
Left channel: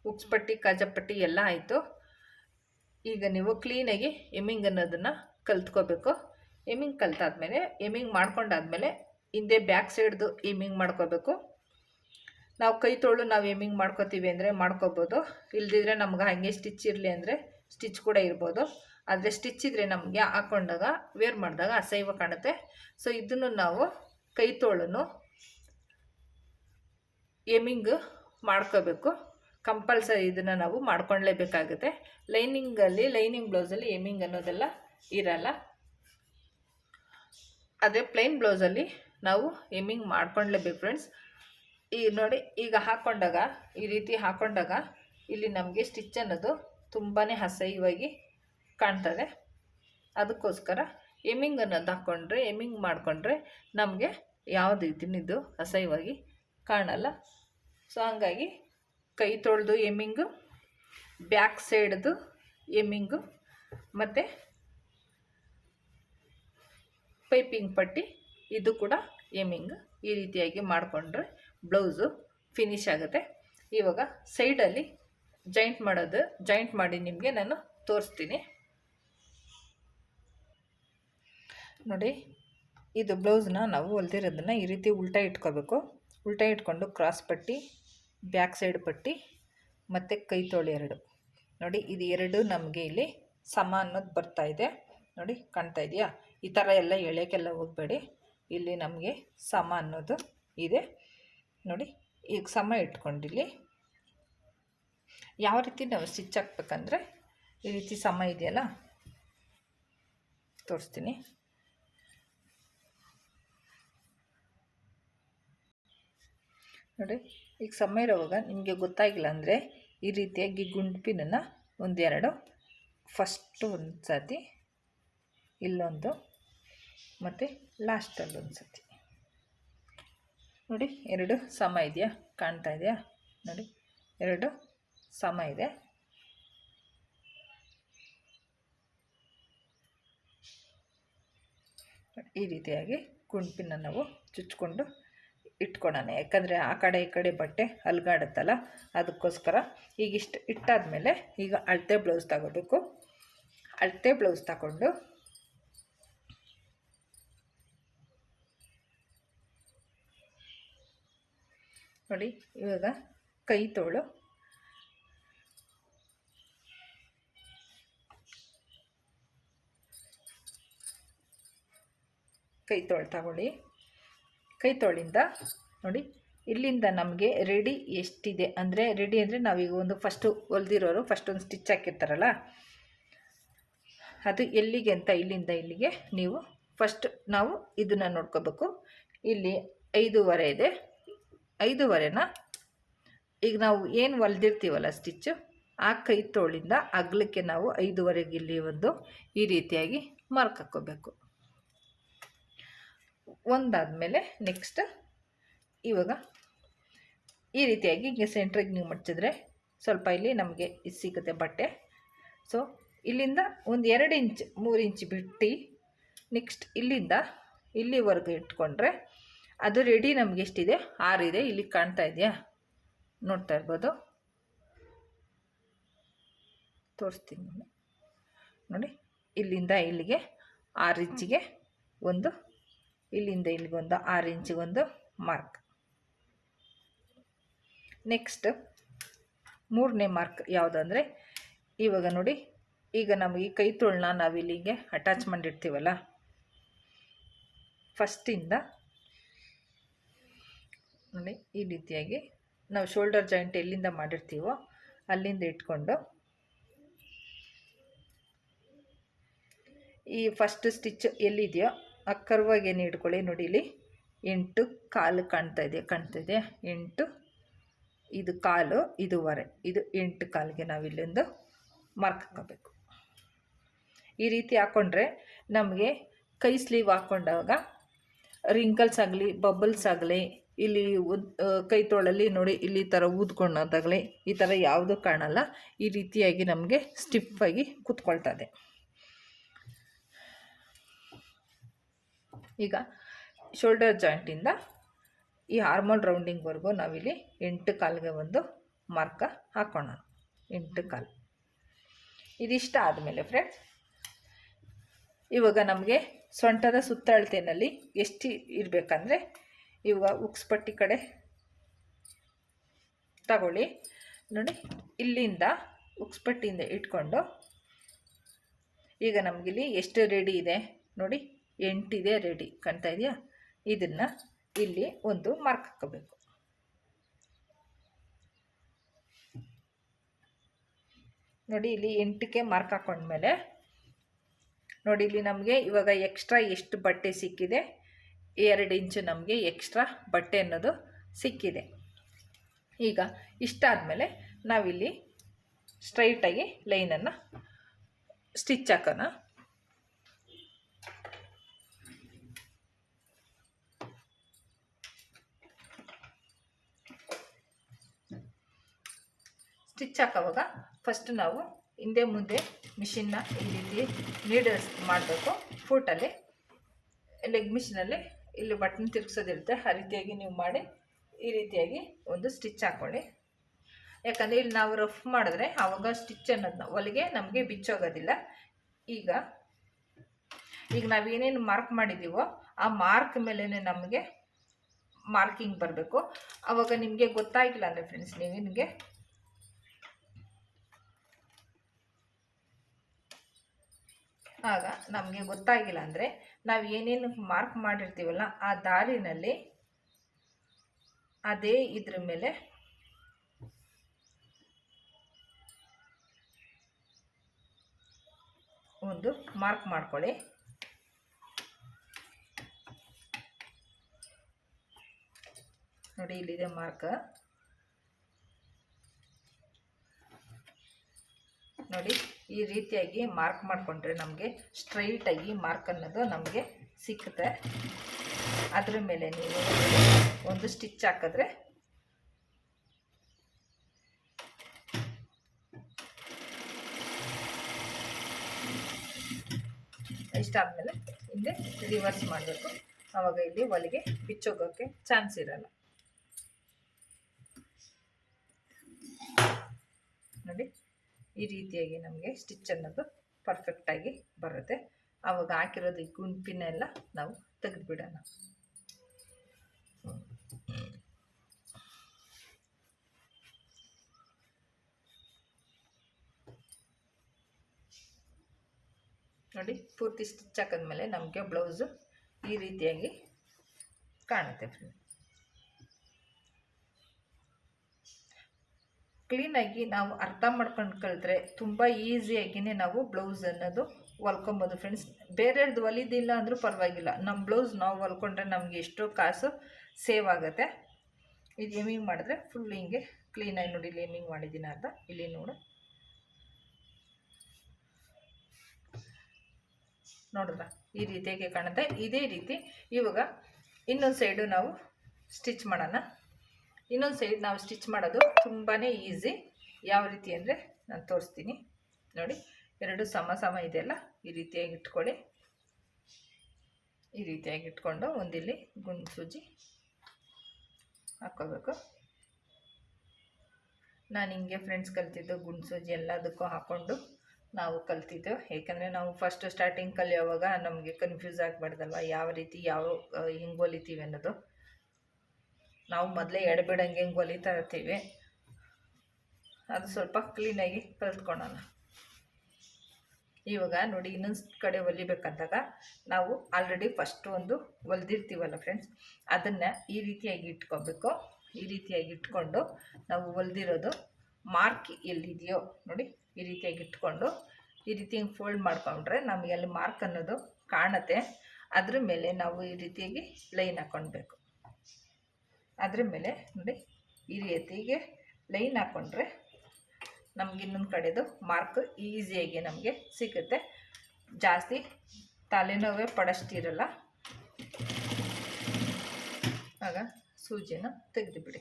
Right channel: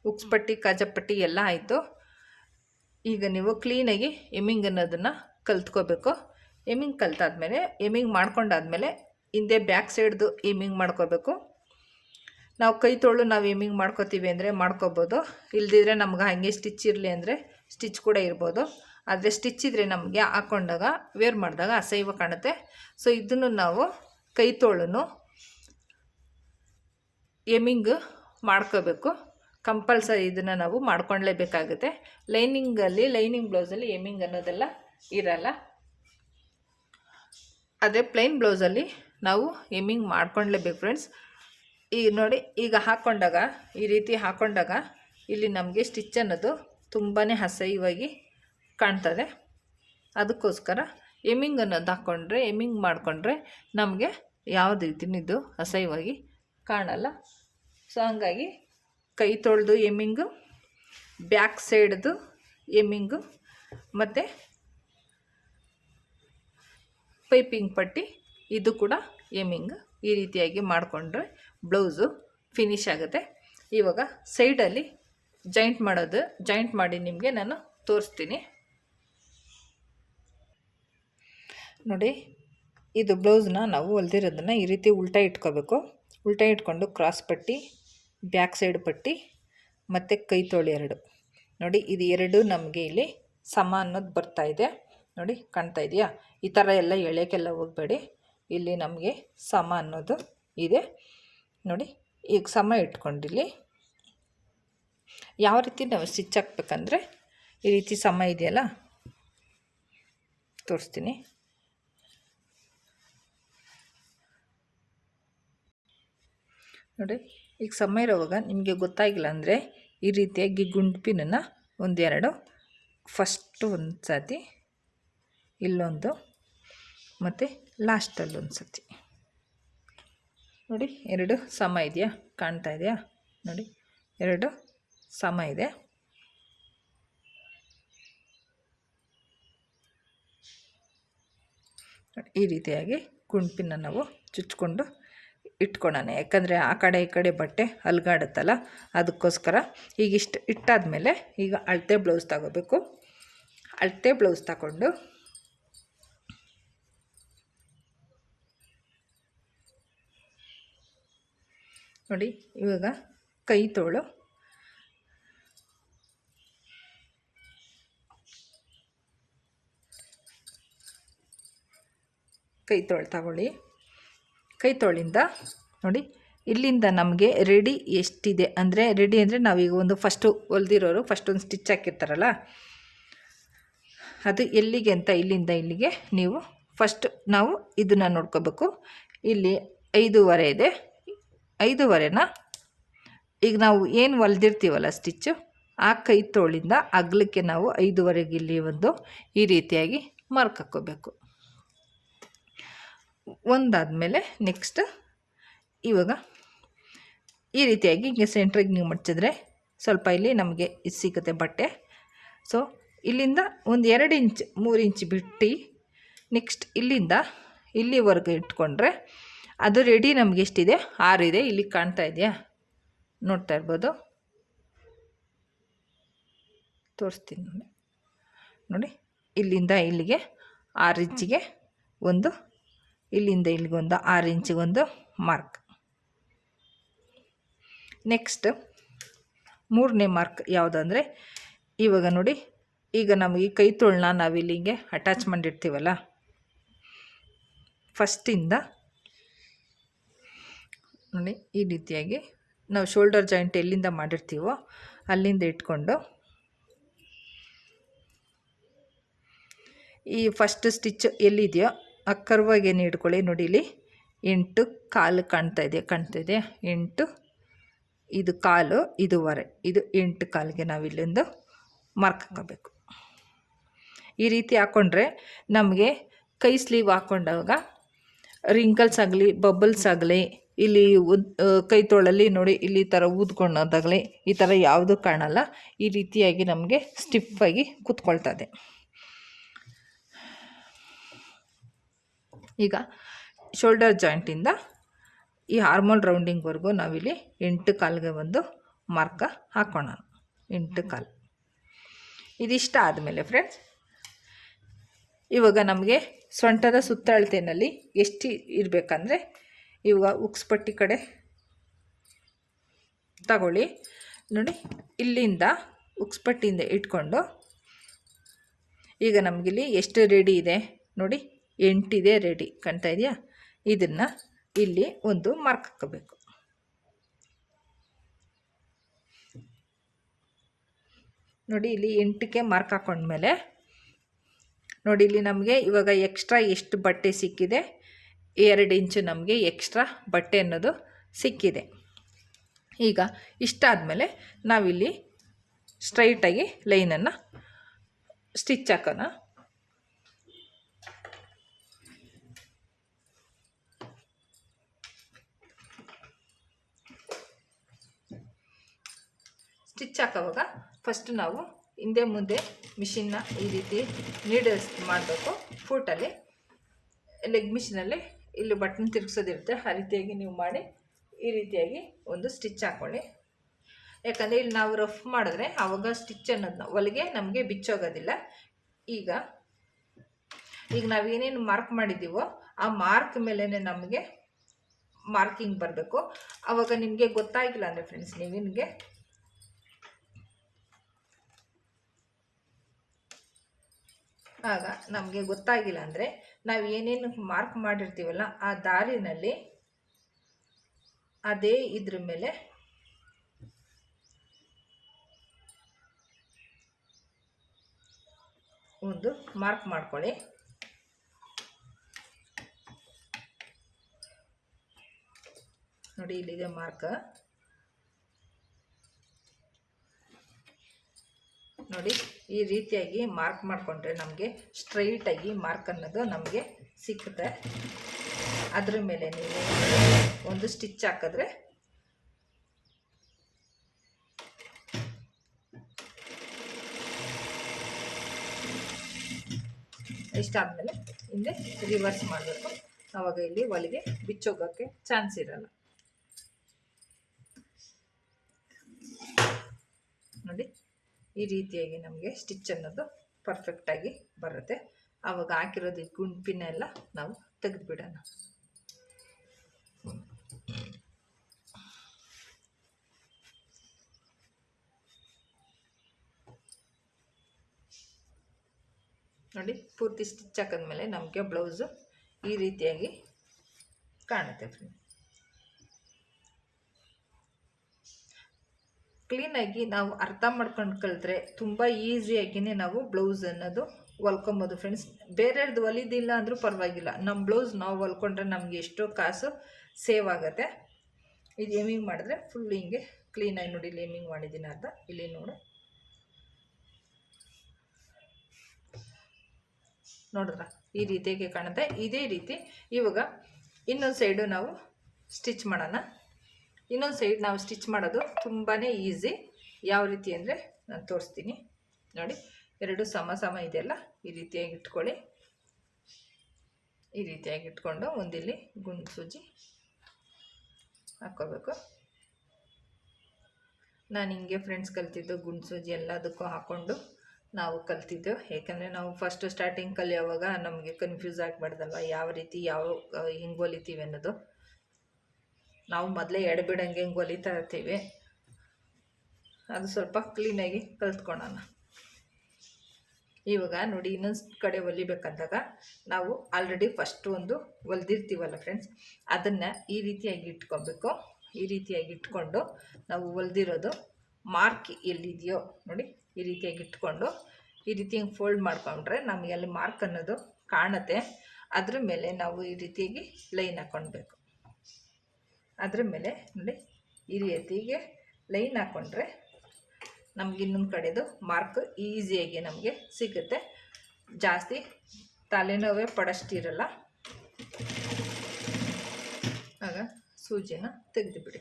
Speaker 1: ಉಕ್ಸ್ಪಟ್ಟಿ ಕಾಜಪಟ್ಟಿ ಎಲ್ಲ ಆಯಿತು. ಈಗ ನೀವು ಕ್ಲೀನಾಗಿ ಎಮ್ಮಿಂಗ್ ಅನ್ನೋದನ್ನು ಕಲ್ತ್ಕೋಬೇಕು. ಎಮ್ಮಿಂಗ್ ಕಲ್ತಾದ್ಮೇಲೆ, ಎಮ್ಮಿಂಗ್ ಮಾಡ್ಕೊಂಡಾದ್ಮೇಲೆ ಹಿಂದೆ ಬ್ಯಾಕ್ ಸೈಡ್ದು ಎಮ್ಮಿಂಗ್ ಮಾಡ್ಕೋಬೇಕು. ನಾವು ಕೈ ತೊಳು ನಾವು ಎಮ್ಮಿಂಗ್ ಮಾಡ್ಕೋತೀವಿ ಅಂದರೆ ಮಾಡ್ಕೋಬೋದು. ಇಲ್ದಿದ್ರೆ ನಮ್ಗೆ ಹಾಗೆ ಸ್ಟಿಚ್ ಇರಲಿ ಅಂದರೆ ಸ್ಟಿಚ್ ಕೂಡ ಇರ್ಬೋದು. ಆದರೆ ಸ್ಟಿಚ್ ಇದ್ದರೆ ನಮಗೆ ಹಾಕ್ಕೊಂಡಾಗ ವೇರ್ ಮಾಡಿದಾಗ ಅಸೈವ ಕಾಣುತ್ತೆ. ಸೊ ಇದನ್ನು ನಾವು ಕೈ ತೋಳನ್ನು ಎಮಿಂಗ್ ಮಾಡ್ಕೋಬೇಕು. ಕಂಪಲ್ಸರಿ ಇದನ್ನು ನಾವು ಮಾಡ್ಕೊಳ್ಳೇಬೇಕಾಗುತ್ತೆ ಲೈನಿಂಗಲ್ಲಿ ಲೈನಿಂಗ್ ಬ್ಲೌಸಲ್ಲಿ ಎಮಿಂಗ್ ಅನ್ನೋದೆಲ್ಲ ಇರಲ್ಲ. ಅದೇ ಪ್ಲೈನ್ ಬ್ಲೌಸಲ್ಲಿ ನಾವು ಎಮ್ಮಿಂಗ್ ಮಾಡ್ಕೊಳ್ಳೇಬೇಕು ಫ್ರೆಂಡ್ಸ್ ಈ ನೋಡಿ, ಈಗ ಹಾಕ್ಕೊಂಡಾಗ ಈ ರೀತಿ ಹಾಕ್ಕೊಂಡಾಗ ಇಲ್ಲಿ ನಮಗೆ ಸ್ಟಿಚ್ ಅನ್ನೋದು ತುಂಬಾ ಅಸಹ್ಯವಾಗಿ ಕಾಣ್ತದೆ. ಅದಕ್ಕೋಸ್ಕರ ಎಮ್ಮಿಂಗ್ ಅನ್ನೋದು ಹಾಕ್ಕೊಂಡ್ರೆ ಎಮ್ಮಿಂಗ್ ಮಾಡಿಕೊಂಡ್ರೆ ನಮಗೆ ಯಾವುದು ರೀತಿನಿದ್ದು ಅಸಹ್ಯವಾಗಿ ಕಾಣಲ್ಲ. ಸೊ ಹಂಗಾಗಿ ಕೈ ತೊಳೆದು ಎಮ್ಮಿಂಗು ಬ್ಯಾಕ್ ಸೈಡ್ದು ಎಮ್ಮಿಂಗು ಮತ್ತು ಪೈಪಿಂಗ್ ಪಟ್ಟಿ, ಇದು ಕೂಡ ಎಮ್ಮಿಂಗ್ ಈ ರೀತಿಯಾಗಿ ಮಾಡಿಕೊಂಡ್ರೆ ಬ್ಲೌಸು ಫಿನಿಶ್ ಆಗುತ್ತೆ. ಇವಾಗ ಸೈಡಲ್ಲಿ ಜಾಯಿಂಟ್ ಮಾಡೋದು, ಜಾಯಿಂಟ್ ಮಾಡಿ ನಿಮಗೆ ನಾನು ತೋರಿಸ್ತೀನಿ. ನೋಡಿ, ಇದು ಬ್ಲೌಸ್ನ ನಾವು ಹೊಲ್ದಿರೋದನ್ನು ಈ ರೀತಿ ಉಲ್ಟಾ ಇಟ್ಕೋಬೇಕು. ಉಲ್ಟಾ ಇಟ್ಕೊಂಡು ಕ್ರಾಸ್ ಪಟ್ಟಿ, ಬ್ಯಾಕ್ ಸೈಡ್ ಪಟ್ಟಿ, ಮತ್ತು ಕೈ ತೋಳು ಎರಡು. ನೋಡಿ, ಇದು ಎರಡು ನಮಗೆ ಇಲ್ಲಿ ಸಮ ಅನ್ನೋದು ಬರ್ತಾ ಇದೆ. ನೋಡಿ, ಕಾಣ್ತಾ ಇದೆಯಾ? ಈ ಥರ ಎಲ್ಲ ಎಳೆಕೆಲ್ಲ ಹೋಗಬೇಡಿ. ಇಲ್ಲಿ ನಮಗೆ ಸಮ ಅನ್ನೋದು ಇದೆ. ನೋಡಿ, ಈಗ ಸಮ ಇಟ್ಕೊಂಡಿಲ್ಲಿ. ಯಾವ ರೀತಿ ನಾವು ಸ್ಟಿಚ್ ಹಾಕ್ಬೇಕಂದ್ರೆ ಈ ರೀತಿ ಸಮ ಇದೆಯಲ್ಲ? ತೋರಿಸ್ತೀನಿ. ನೋಡಿ, ಈಗ ಸಮಯ ಇರುವಾಗ ನಿಮಗೆ ಗೊತ್ತಾಗಿಲ್ಲ ಅಂದರೆ ಈ ರೀತಿಯಾಗಿ ಗುಂಡು ಪಿನನ್ನು ಒಂದೆರಡು ಫಸ್ಟು ಒಂದು ಸತಿ ಇಲ್ಲೊಂದು, ಮತ್ತು ಲಾಸ್ಟಲ್ಲಿ ಒಂದು ಸತಿ ನೋಡಿ, ಎರಡು ಸಮ ಇದೆಯಾ? ಕಾಣ್ತಾ ಇದೆಯಾ? ನೋಡಿ, ಎರಡು ಸಮ ಇದೆ. ಈ ರೀತಿಯಾಗಿ ಗುಂಪಿನ ನಾವು ಚುಚ್ಕೊಂಡು ಇಟ್ಕೊಳ್ಳೋಣ ಯಾಕಂದರೆ ಆ ಕಡೆ ಈ ಕಡೆ ಬಟ್ಟೆ ಅಲ್ಗಾಡುತ್ತಲ್ಲ, ಅದಕ್ಕೋಸ್ಕರ ಈಗ ಇಷ್ಟು ಇಟ್ಟಾದಮೇಲೆ ಈಗ ಅಳತೆ ಬ್ಲೌಸ್ ತಗೋಬೇಕು. ಅಳತೆ ಬ್ಲೌಸ್ ತಗೊಂಡು ನೋಡಿ, ಇವಾಗ ಕೈ ತೋಳು. ಕೈ ತೋಳು ತಗೊಳ್ಳಿ. ಕೈ ತೋಳಿಂದ ನೋಡಿ. ಇಲ್ಲಿಂದ ನಮಗೆ ರೆಡಿ ಎಷ್ಟಿದೆ ಅಂದರೆ ರೆಡಿ ಅಂದರೆ ನಾವೀಗ ಒಂದು ಫಸ್ಟು ಹೊಲ್ದಿರೋರು ಫಸ್ಟ್ ಒಂದು ಸ್ಟಿಚ್ ಹಾಕಿರ್ತಾರಲ್ಲ? ಅದು ಎಲ್ಲಿಗೆ ಅಂತ ಇಲ್ಲಿಂದ ಇಲ್ಲಿಗೆ ನೀವು ಫಸ್ಟ್ ನಾವು ಇದನ್ನು ನೋಡ್ಕೋಬೇಕು. ಇಲ್ಲಿ ಐದೂವರೆ ಇದೆ. ಐದೂವರೆನ ಈಗ ನಾವು ಏನು ಹೊಲ್ದಿರ್ತೀವಲ್ಲ ಸ್ಟಿಚ್ಚು ಆ ಕೈ ತೋಳಿಂದ ಅಗಲಕ್ಕೆ ನಾವು ಐದೂವರೆಗೆ ಇಲ್ಲಿ ಒಂದು ಈ ರೀತಿಯಾಗಿ ಮಾರ್ಕ್ ಹಾಕ್ಕೋಬೇಕು. ಒಂದಾದಮೇಲೆ ನೆಕ್ಸ್ಟ್ ಇವಾಗ ಈ ರೀತಿಯಾಗಿ ಹಿಂಗೆ ಸೆಂಟ್ರಿಗೆ ನೀವು ಮಡಚಿದ್ರೆ ಸ್ವಲ್ಪ ಇಲ್ಲಿ ನಮಗೆ ಇದು ಸಿಗುತ್ತೆ ಬಟ್ಟೆ. ಸೊ ಇಲ್ಲಿಂದ ಒಂದು ಎರಡು ಇಂಚ್ ಮೂರು ಇಂಚ್ ಬಿಟ್ಟು ನೆಕ್ಸ್ಟ್ ಇಲ್ಲಿಂದ ಇಲ್ಲಿವರೆಗೂ ಇಟ್ಕೊಂಡ್ರೆ ಅದು ರೆಡಿ ನಮಗೆ ಎಷ್ಟಿದೆ? ಆರಿದೆ ಇಲ್ಲಿ ಕಾಣ್ತಾ ಇದೆಯಾ? ನೋಡ್ತಾ ಇರ್ಬೋದು. ತೋರಿಸ್ತೀನಿ ನೋಡಿ. ನೋಡಿ, ಇಲ್ಲಿಂದ ಇಲ್ಲಿಗೆ ಆರು ಇಂಚಿಗೆ ಒಂದು ಇಲ್ಲಿಂದ ಇಲ್ಲಿಗೊಂದು ಆರು ಇಂಚಿಗೊಂದು ಮಾರ್ಕ್ ನೆಕ್ಸ್ಟ್ ಮೂರನೇ ಮಾರ್ಕ್ ಯಾವುದಂದರೆ, ಇವಾಗ ನೋಡಿ, ಈಗ ನಮಗೆ ಈ ಕೈ ತೊಳನ್ನ ನಾವಿಲ್ಲಿಗೆ ಅಟ್ಯಾಚ್ ಮಾಡಿರ್ತೀವಲ್ಲ? ಫಸ್ಟಿಂದ ನೋಡಿ, ಈ ರೀತಿಯಾಗಿ ನಾವು ಶೋಲ್ಡರ್ ಜಾಯಿಂಟ್ ಎಲ್ಲಿಂದ ಮಾಡಿರ್ತೀವೋ ಅಲ್ಲಿಂದ ಇಟ್ಕೊಂಡು, ಈ ಫಸ್ಟ್ ಸ್ಟಿಚ್ ಎಲ್ಲಿದೆಯೋ ಆ ಕರ್ವಾಗಿ ಏನು ಇಟ್ಕೊಳ್ಳಿ ನೋಡಿ ಇಲ್ಲಿ ಎಂಟು ಕಾಲು ಕಾಣ್ತಾ ಇದೆ ಕಾಣ್ತಾ ಇದೆ. ಎಂಟು, ಇದು ಕಾಲು, ಇದುವರೆ. ಇದು ಎಂಟು ಕಾಲಿಗೆ ನಾವಿಲ್ಲೊಂದು ಮಾರ್ಕ್ ಹಾಕೋಬೇಕು ಈ ರೀತಿ ಹಾಕ್ಕೊಂಡ್ರೆ ನಮಗೆ ಕೈ ಸ್ಲೀವ್ ಹಾಕ್ಕೊಂಡಾಗ ರಿಂಕಲ್ಸ್ ಆಗಲಿ ಬಬಲ್ಸ್ ಆಗಲಿ, ಇಲ್ಲಿ ಉದ್ ಕೈ ತೋಳಲ್ಲಿ ನೋಡಿ, ಇಲ್ಲಿ ಥರ ಊದ್ಕೊಂಡೋದಾಗಲಿ ಈ ಥರ ಯಾವುದೂ ಕಾಣಲ್ಲ. ಈ ರೀತಿಯಾಗಿ ನಮಗೆ ಸ್ಟಿಫಾಗಿ ಕೂತ್ಕೊಳ್ತದೆ ಈಗ ಶೋಲ್ಡರ್ ಜಾಯಿಂಟಿಂದ ಈ ಹಾರ್ಮೋನ್ ರೌಂಡಿಂಗ್ವರೆಗೂ ನಾವಿಲ್ಲಿ ಎಂಟು ಕಾಲಿಗೆ ಒಂದು ಮಾರ್ಕ ಹಾಕೋಣ. ಎಂಟು ಕಾಲು. ಇದಿಷ್ಟ ಆದಮೇಲೆ ಫ್ರೆಂಡ್ಸ್ ಇವಾಗ ನಮಗೆ ಸೊಂಟದ ಸುತ್ತಳತೆಯಲ್ಲಿ ಎಷ್ಟು ಇರಬೇಕಂದ್ರೆ ಇವಾಗ ಉಕ್ಸ್ಪಟ್ಟಿ ಕಡೆ ತಗೊಳ್ಳಿ. ನೋಡಿ, ಇಲ್ಲಿಂದ ಉಕ್ಸ್ಪಟ್ಟಿಯಿಂದ ಇಟ್ಕೊಂಡು ಈಗ ನಮಗಿಲ್ಲಿ ಎಷ್ಟು ರೆಡಿ ಇದೆ. ನೋಡಿ ಎಂಟಿದೆ ರೆಡಿ ಕಾಣ್ತಾ ಇದೆಯಾ? ಇದನ್ನು ಇಲ್ಲಿ ಒಂದು ಮಾರ್ಕ್ ಹಾಕೋಬೇಕು ನೋಡಿ ಇಲ್ಲಿ ಎಂಟಕ್ಕೆ ಮಾರ್ಕ್ ಹಾಕೊಂಡ್ಮೇಲೆ ನೋಡಿ ಇಲ್ಲಿ ನಮಗೆ ಇವಾಗ ಎಕ್ಸ್ಟ್ರಾ ಎಷ್ಟು ಬಟ್ಟೆ ಸಿಕ್ಕಿದೆ? ಎರಡು ಇಂಚು ನಮಗೆ ಎಕ್ಸ್ಟ್ರಾ ಬಟ್ಟೆ ಅನ್ನೋದು ಸಿಕ್ಕಿದೆ. ಈಗ ಇಷ್ಟಾದಮೇಲೆ ನಾವಿಲ್ಲಿ ಸ್ಟ್ರೈಟಾಗಿ ಲೈನನ್ನು ಸ್ಟಿಚ್ ಹಾಕೋಣ. ಸ್ಟಿಚ್ ಹಾಕೋವಾಗ ಫಸ್ಟ್ ನಾವು ಹಿಂದೆ ಮುಂದೆ ಮಿಷಿನ್ನ ಈ ರೀತಿ ನೀಡಲ್ಸ್ ಮಾಡಬೇಕು. ಫೂಟಲ್ಲಿ ಲೆಗ್ ಮಿಷಿನಲ್ಲಿ ಇಲ್ಲಿ ಬಟನ್ ತಿರುಗಿಸೋದಿರುತ್ತೆ. ಆ ರೀತಿಯಾಗಿ ನೀವು ಮಾಡಿ ಈ ರೀತಿಯಾಗಿ ಒಂದು ಸ್ಟಿಚ್ ಹಾಕ್ಕೊಳ್ಳಿ ಯಾಕಂದರೆ ಇಲ್ಲಿ ನಾವು ರಫ್ ಮಾಡಿದ್ರೆ ಆವಾಗ ಸ್ಟಿಚ್ ಅನ್ನೋದನ್ನ ಹೊಲಿಗೆ ನಮಗೆ ಬಿಚ್ಚೋಗೋದಿಲ್ಲ. ಈಗ ಈಗ ನಾವೇನೇನು ಮಾರ್ಕ್ ಮಾಡಿದ್ದೀವೋ ಆ ಮಾರ್ಕ್ ಮೇಲೇ ನಮಗೆ ಮಾರ್ಕಿಂಗ್ ಬರಬೇಕು. ಆವಾಗ ನಿಮಗೆ ಗೊತ್ತಾಗಿಲ್ಲ ಅಂದರೆ ಫ್ರೆಂಡ್ಸ್ ನೀವು ನಿಮಗೆ ಆಗ ನಮಗೆ ಗೊತ್ತಾಗಿಲ್ಲ ಅಂದರೆ ನಾವು ಏನೇನು ಮಾರ್ಕ್ ಮಾಡಿರ್ತೀವಲ್ಲ ಆ ದಾರಿನಲ್ಲಿ ಅದೇ ಇದ್ರ ಮೇಲೆ ಒಂದು ಮಾರ್ಕ್ ಮಾಡ್ಕೊಳ್ಳಿ. ನೋಡಿ ಇಲ್ಲಿದೆ ಮಾರ್ಕ್ ನೋಡಿ. ಈ ರೀತಿಯಾಗಿ ಮಾರ್ಕ್ ಮಾಡಿಕೊಂಡ್ರೆ ನಮಗೆ ಸ್ಟ್ರೈಟಾಗಿ ಮಾರ್ಕ್ ಅನ್ನೋದು ನಮಗೆ ಸಿಕ್ಕುತ್ತೆ. ಅದ್ರ ಮೇಲೆ ನೀವು ಒಂದು ಸ್ಟಿಚ್ ಹಾಕಿದ್ರೆ ಇಷ್ಟಾದಮೇಲೆ ಹಿಂದೆ ರಿವರ್ಸ್ ಮಾಡಬೇಕು. ಆವಾಗ ಇಲ್ಲಿ ಒಲಿಗೆ ಬಿಚ್ಚೋಗೋಕ್ಕೆ ಚಾನ್ಸ್ ಇರಲ್ಲ. ನೋಡಿ. ಈ ರೀತಿಯಾಗಿ ನಮಗೆ ಸ್ಟಿಚ್ ಅನ್ನೋದು ಪರ್ಫೆಕ್ಟಾಗಿ ಬರುತ್ತೆ. ಆವಾಗ ಹಾಕಿರೋದು ಈ ಗುಂಪಿನೆಲ್ಲ ನಾವು ತೆಗೆದುಬಿಡೋಣ. ನೋಡಿ, ಪೂರ್ತಿ ಸ್ಟಿಚ್ ಹಾಕಿದ್ಮೇಲೆ ನಮಗೆ ಬ್ಲೌಸು ಈ ರೀತಿಯಾಗಿ ಕಾಣುತ್ತೆ ಫ್ರೆಂಡ್ ಕ್ಲೀನಾಗಿ ನಾವು ಅರ್ಥ ಮಾಡ್ಕೊಂಡು ಕಲಿತ್ರೆ ತುಂಬ ಈಸಿಯಾಗಿಯೇ ನಾವು ಬ್ಲೌಸ್ ಅನ್ನೋದು ಹೊಲ್ಕೊಬೋದು ಫ್ರೆಂಡ್ಸ್ ಬೇರೆಯವ್ರದ್ದು ಹೊಲಿದಿಲ್ಲ ಅಂದರೂ ಪರವಾಗಿಲ್ಲ. ನಮ್ಮ ಬ್ಲೌಸ್ ನಾವು ಹೊಲ್ಕೊಂಡ್ರೆ ನಮಗೆ ಎಷ್ಟೋ ಕಾಸು ಸೇವ್ ಆಗುತ್ತೆ. ಇದು ಎಮಿಂಗ್ ಮಾಡಿದ್ರೆ ಫುಲ್ ಹಿಂಗೆ ಕ್ಲೀನಾಗಿ ನೋಡಿ, ಇಲ್ಲಿ ಎಮಿಂಗ್ ಮಾಡಿದ್ದೀನಿ ಅರ್ಧ. ಇಲ್ಲಿ ನೋಡಿ. ನೋಡಿದ್ರ? ಈ ರೀತಿಯಾಗಿ ಕಾಣುತ್ತೆ. ಇದೇ ರೀತಿ ಇವಾಗ ಇನ್ನೊಂದು ಸೈಡು ನಾವು ಸ್ಟಿಚ್ ಮಾಡೋಣ. ಇನ್ನೊಂದು ಸೈಡ್ ನಾವು ಸ್ಟಿಚ್ ಮಾಡೋದು ತುಂಬಾ ಈಸಿ. ಯಾವ ರೀತಿ ಅಂದರೆ ನಾನು ತೋರಿಸ್ತೀನಿ. ನೋಡಿ, ಎರಡು ಸಮ ಸಮ ಇದೆಯಲ್ಲ, ಈ ರೀತಿಯಾಗಿ ಇಟ್ಕೊಳ್ಳಿ. ಈ ರೀತಿಯಾಗಿ ಇಟ್ಕೊಂಡು ಒಂದಿಲ್ಲಿ ಗುಂಡು ಸೂಜಿ ಹಾಕ್ಕೋಬೇಕು. ನಾನು ಹಿಂಗೆ ಫ್ರೆಂಡ್ಸ್ ಕಲ್ತಿದ್ದು ಗುಂಡು ಸೂಜಿ ಎಲ್ಲದಕ್ಕೂ ಹಾಕ್ಕೊಂಡು ನಾವು ಕಲ್ತಿದ್ದೆವು ಏಕೆಂದರೆ ನಾವು ಫಸ್ಟು ಸ್ಟಾರ್ಟಿಂಗ್ ಕಲಿಯೋವಾಗ ನಮಗೆ ಕನ್ಫ್ಯೂಸ್ ಆಗಬಾರ್ದಲ್ವ? ಯಾವ ರೀತಿ, ಯಾವ ಹಿಂಗೆ ಹೊಲಿತೀವಿ ಅನ್ನೋದು. ನಾವು ಮೊದಲೇ ಎಡಬಿಡಂಗೆ ಹಿಂಗೆ ಹೊಲಿತಾ ಇರ್ತೀವಿ. ಅದು ಸ್ವಲ್ಪ ಕ್ಲೀನಾಗಿ ಕಲ್ತ್ಕೊಳ್ಳೋಣ. ಇವಾಗ ನೋಡಿ ಇನ್ನೊಂದು ಕಡೆ ಹೊಲಿಬೇಕಂದಾಗ ನಾವು ಆಲ್ರೆಡಿ ಫಸ್ಟ್ ಒಂದು ಒಲ್ದಿರ್ತೀವಲ್ಲ ಫ್ರೆಂಡ್ಸ್ ಅದನ್ನು ಈ ರೀತಿಯಾಗಿ ಇಟ್ಕೊಬೇಕು. ಈ ರೀತಿಯಾಗಿ ಇಟ್ಕೊಂಡು ನಾವು ಒಲ್ದಿರೋದು ಮಾರ್ಕ್ ಎಲ್ಲಿದೆಯೋ ನೋಡಿ ಈ ರೀತಿಯಾಗಿ ಇಟ್ಕೊಂಡು ಈ ರೀತಿ ಹಿಂಗೆ ಫೋಲ್ಡ್ ಮಾಡಿಕೊಂಡ್ರೆ ನಮಗೆ ಅಲ್ಲಿ ಮಾರ್ಕ್ ಅನ್ನೋದು ಕಾಣುತ್ತೆ. ಅದ್ರ ಮೇಲೆ ನಾವು ಈ ರೀತಿಯಾಗಿ ಲೈನ್ ಹಾಕ್ಕೊಳ್ಬೇಕು ಅದ್ರ ಮೇಲೆ ನೋಡಿ ಈ ರೀತಿಗೆ ಲೈನ್ ಹಾಕ್ಕೊಂಡ್ರೆ ನಮ್ಗೆ ಇನ್ನೊಂದು ಕಡೆದು ಮಾರ್ಕ್ ಈಸಿಯಾಗಿ ನಮಗೆ ಸಿಗುತ್ತೆ. ಜಾಸ್ತಿ ತಲೆನೋವೇ ಪಡಷ್ಟಿರಲ್ಲ. ಆಗ ಸೂಜಿನ ತೆಗೆದುಬಿಡಿ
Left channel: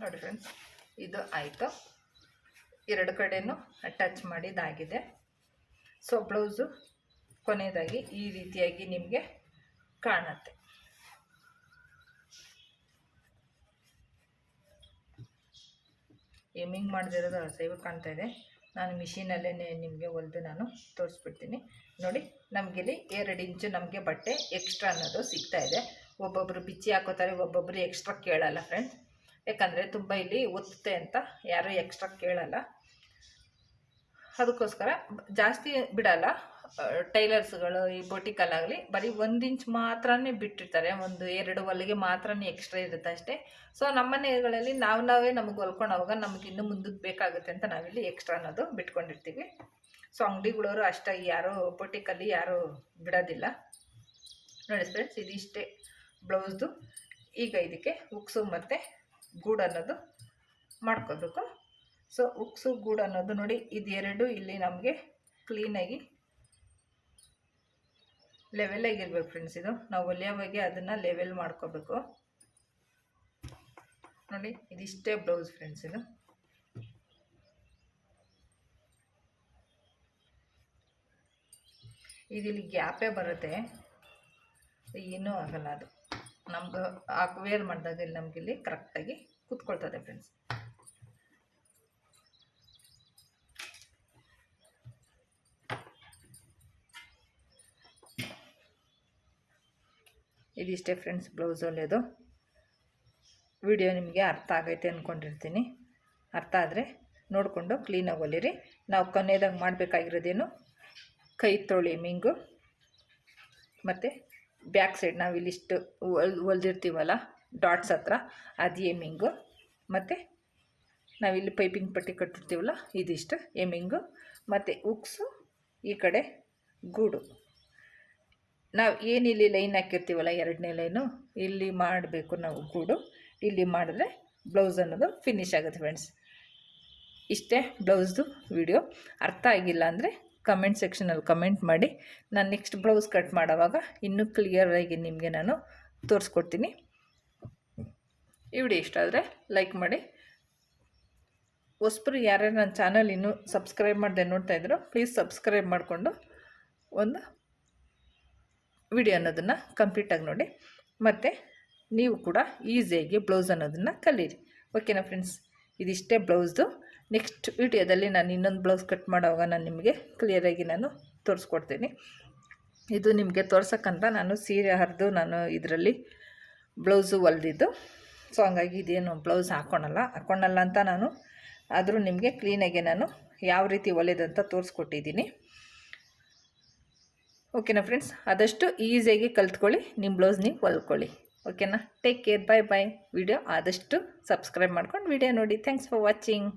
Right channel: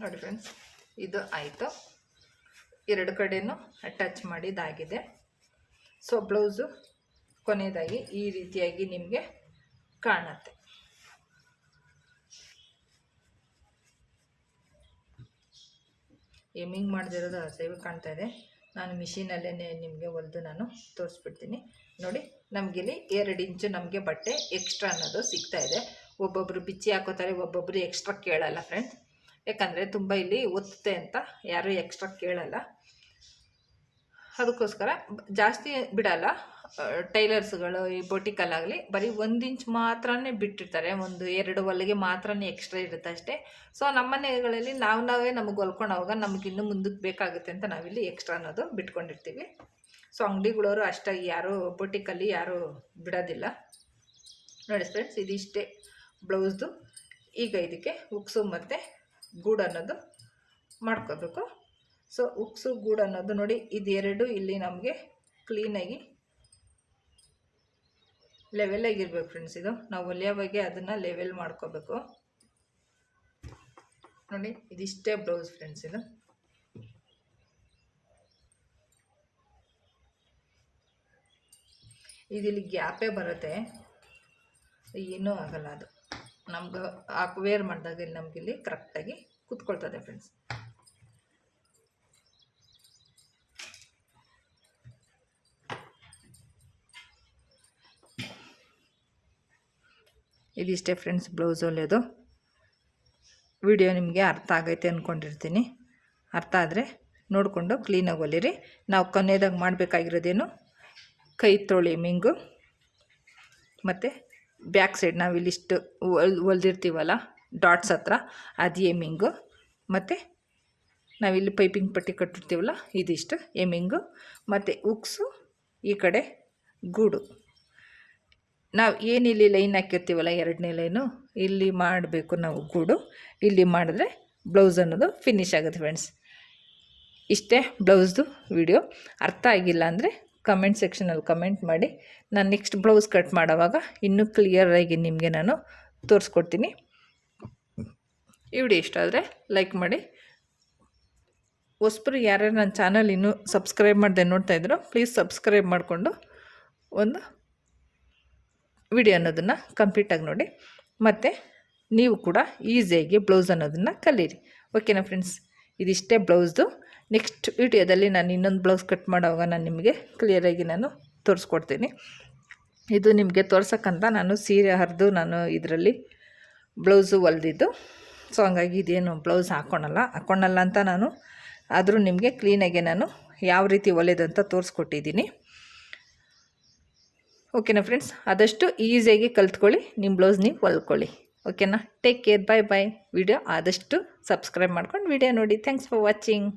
Speaker 1: ನೋಡಿ ಫ್ರೆಂಡ್ಸ್ ಇದು ಆಯಿತು. ಎರಡು ಕಡೆಯೂ ಅಟ್ಯಾಚ್ ಮಾಡಿದಾಗಿದೆ ಸೊ ಬ್ಲೌಸು ಕೊನೆಯದಾಗಿ ಈ ರೀತಿಯಾಗಿ ನಿಮಗೆ ಕಾಣುತ್ತೆ. ಏಮಿಂಗ್ ಮಾಡದಿರೋದು ಅಸೈವ್ ಕಾಣ್ತಾ ಇದೆ. ನಾನು ಮಿಷಿನಲ್ಲೇ ನಿಮಗೆ ಹೊಲಿದು ನಾನು ತೋರಿಸ್ಬಿಡ್ತೀನಿ. ನೋಡಿ, ನಮಗಿಲ್ಲಿ ಎರಡು ಇಂಚು ನಮಗೆ ಬಟ್ಟೆ ಎಕ್ಸ್ಟ್ರಾ ಅನ್ನೋದು ಸಿಗ್ತಾ ಇದೆ. ಒಬ್ಬೊಬ್ಬರು ಬಿಚ್ಚಿ ಹಾಕೋತಾರೆ ಒಬ್ಬೊಬ್ಬರು ಎಕ್ಸ್ಟ್ರಾ ಕೇಳಲ್ಲ ಫ್ರೆಂಡ್ಸ್ ಯಾಕಂದರೆ ತುಂಬ ಇಲ್ಲಿ ಒತ್ತುತ್ತೆ ಅಂತ ಯಾರೂ ಎಕ್ಸ್ಟ್ರಾ ಕೇಳಲ್ಲ. ಅದಕ್ಕೋಸ್ಕರ ಜಾಸ್ತಿ ಬಿಡಲ್ಲ. ಟೈಲರ್ಸ್ಗಳು ಈ ಬೊಟಿಕಲ್ಲಾಗಲಿ ಬರೀ ಒಂದು ಇಂಚ್ ಮಾತ್ರನೇ ಬಿಟ್ಟಿರ್ತಾರೆ. ಒಂದು ಎರಡು ಹೊಲಿಗೆ ಮಾತ್ರನೇ ಎಕ್ಸ್ಟ್ರಾ ಇರುತ್ತೆ ಅಷ್ಟೇ. ಸೊ ನಮ್ಮ ಮನೆಗಳಲ್ಲಿ ನಾವು ನಾವೇ ನಮಗೆ ಹೊಲ್ಕೊಳೋವಾಗ ನಮ್ಗೆ ಇನ್ನೂ ಮುಂದಕ್ಕೆ ಬೇಕಾಗುತ್ತೆ ಅಂತ ನಾವಿಲ್ಲಿ ಎಕ್ಸ್ಟ್ರಾ ಅನ್ನೋದು ಬಿಟ್ಕೊಂಡಿರ್ತೀವಿ. ಸೊ ಅಂಗಡಿಗಳವರು ಅಷ್ಟಾಗಿ ಯಾರೂ ಬೊಟಿಕಲ್ಲಿ ಯಾರೂ ಬಿಡೋದಿಲ್ಲ. ನೋಡಿ ಫ್ರೆಂಡ್ಸ್ ಇದಿಷ್ಟೇ ಬ್ಲೌಸ್ದು. ಈಗ ಇದಕ್ಕೆ ಉಕ್ಸು ಮತ್ತು ಗೂಡು ಅನ್ನೋದು ಮಾಡ್ಕೋಬೇಕು. ಸೊ ಉಕ್ಸು ಗೂಡು ಅನ್ನೋದು ನೋಡಿ, ಇದೆರಡು ಇಲ್ಲಿ ನಮಗೆ ಕ್ಲೀನಾಗಿ ಲೆವೆಲಾಗಿರ್ಬೇಕು ಫ್ರೆಂಡ್ಸ್ ಇದು. ನಾವು ಒಲೆಯ ಬಗ್ಗೆ ಅದನ್ನು ಲೆವೆಲ್ ಮಾಡ್ಕೋಬೇಕು. ನೋಡಿ, ಇದಿಷ್ಟೇ ಬ್ಲೌಸ್ ಫ್ರೆಂಡ್ಸ್ ಇದು. ಇದಿಲ್ಲಿ ಗ್ಯಾಪೇ ಬರುತ್ತೆ. ಏನೂ ಆಗಲ್ಲ ಅದು. ನಮ್ಗೆ ಹಾಕಿ ವೇರ್ ಮಾಡಿದಾಗ ಇಲ್ಲಿ ನಮ್ಗೆ ಇಲ್ಲಿ ಕರೆಕ್ಟಾಗಿ ಕುತ್ಕೊಳ್ತದೆ ಫ್ರೆಂಡ್ಸ್ ಇದಿಷ್ಟೇ ಫ್ರೆಂಡ್ಸ್ ಬ್ಲೌಸ್ ಹೊಲಿಯೋದು ವಿಡಿಯೋ ನಿಮಗೆ ಅರ್ಥ ಆಗೈತೆ ಅಂದ್ಕೊಂಡಿರ್ತೀನಿ ಅರ್ಥ ಆದರೆ ನೋಡಿಕೊಂಡು ಕ್ಲೀನಾಗಿ ಹೊಲಿರಿ ನಾವು ಕೊನೆಯದಾಗ ಮಾಡಬೇಕಾಗಿರೋದೇನು? ಕೈ ತೊಳಿ ಮಿಂಗು. ಮತ್ತು ಬ್ಯಾಕ್ ಸೈಡ್ ನಾವು ಇಲ್ಲಿಷ್ಟು ಹೊಲ್ ಹೊಲ್ದಿರ್ತೀವಲ್ಲ ಡಾಟ್ಸ್ ಹತ್ರ, ಅದು ಏಮಿಂಗು ಮತ್ತು ನಾವಿಲ್ಲಿ ಪೈಪಿಂಗ್ ಪಟ್ಟಿ ಕಟ್ಟಿರ್ತೀವಲ್ಲ, ಇದಿಷ್ಟು ಏಮಿಂಗು ಮತ್ತು ಉಕ್ಸು ಈ ಕಡೆ ಗೂಡು. ನಾವು ಏನಿಲ್ಲಿ ಲೈನ್ ಹಾಕಿರ್ತೀವಲ್ಲ, ಎರಡನೇ ಲೈನು ಇಲ್ಲಿ ಮಾಡಬೇಕು ನಾವು ಗೂಡು. ಇಲ್ಲಿ ಮಾಡಿದ್ರೆ ಬ್ಲೌಸ್ ಅನ್ನೋದು ಫಿನಿಶ್ ಆಗುತ್ತೆ ಫ್ರೆಂಡ್ಸ್ ಇಷ್ಟೇ ಬ್ಲೌಸ್ದು ವಿಡಿಯೋ ಅರ್ಥ ಆಗಿಲ್ಲ ಅಂದರೆ ಕಮೆಂಟ್ ಸೆಕ್ಷನಲ್ಲಿ ಕಮೆಂಟ್ ಮಾಡಿ. ನಾನು ನೆಕ್ಸ್ಟ್ ಬ್ಲೌಸ್ ಕಟ್ ಮಾಡೋವಾಗ ಇನ್ನೂ ಕ್ಲಿಯರಾಗಿ ನಿಮಗೆ ನಾನು ತೋರಿಸ್ಕೊಡ್ತೀನಿ. ಈ ವಿಡಿಯೋ ಇಷ್ಟ ಆದರೆ ಲೈಕ್ ಮಾಡಿ. ಹೊಸಬ್ರು ಯಾರ್ಯಾರು ನನ್ನ ಚಾನಲ್ ಇನ್ನೂ ಸಬ್ಸ್ಕ್ರೈಬ್ ಮಾಡಿದೆ ನೋಡ್ತಾ ಇದ್ರು ಪ್ಲೀಸ್ ಸಬ್ಸ್ಕ್ರೈಬ್ ಮಾಡಿಕೊಂಡು ಒಂದು ವಿಡಿಯೋ ಅನ್ನೋದನ್ನು ಕಂಪ್ಲೀಟಾಗಿ ನೋಡಿ. ಮತ್ತು ನೀವು ಕೂಡ ಈಸಿಯಾಗಿ ಬ್ಲೌಸ್ ಅನ್ನೋದನ್ನು ಕಲೀರಿ. ಓಕೆನಾ ಫ್ರೆಂಡ್ಸ್ ಇದಿಷ್ಟೇ ಬ್ಲೌಸ್ದು ನೆಕ್ಸ್ಟ್ ವಿಡಿಯೋದಲ್ಲಿ ನಾನು ಇನ್ನೊಂದು ಬ್ಲೌಸ್ ಕಟ್ ಮಾಡುವಾಗ ನಾನು ನಿಮಗೆ ಕ್ಲಿಯರಾಗಿ ನಾನು ತೋರಿಸ್ಕೊಡ್ತೀನಿ. ಇದು ನಿಮಗೆ ತೋರ್ಸೋಕ್ಕಂತ ನಾನು ಸೀರೆ ಹರಿದು ನಾನು ಇದರಲ್ಲಿ ಬ್ಲೌಸು ಹೊಲ್ದಿದ್ದು. ಸೊ ಹಂಗಾಗಿ ಇದೇನು ಬ್ಲೌಸ್ ಹಾಕ್ಕೊಳಲ್ಲ ಹಾಕ್ಕೊಳಲ್ಲ ಅಂತ ನಾನು ಆದರೂ ನಿಮಗೆ ಕ್ಲೀನಾಗೆ ನಾನು ಯಾವ ರೀತಿ ಹೊಲಿದಂತ ತೋರಿಸ್ಕೊಟ್ಟಿದ್ದೀನಿ. ಓಕೆನಾ ಫ್ರೆಂಡ್ಸ್ ಆದಷ್ಟು ಈಸಿಯಾಗಿ ಕಲ್ತ್ಕೊಳ್ಳಿ. ನಿಮ್ಮ ಬ್ಲೌಸ್ ನೀವು ಹೊಲ್ಕೊಳ್ಳಿ. ಓಕೆನಾ take care bye bye video ಆದಷ್ಟು ಸಬ್ಸ್ಕ್ರೈಬ್ ಮಾಡ್ಕೊಂಡು ವಿಡಿಯೋ ನೋಡಿ. Thanks for watching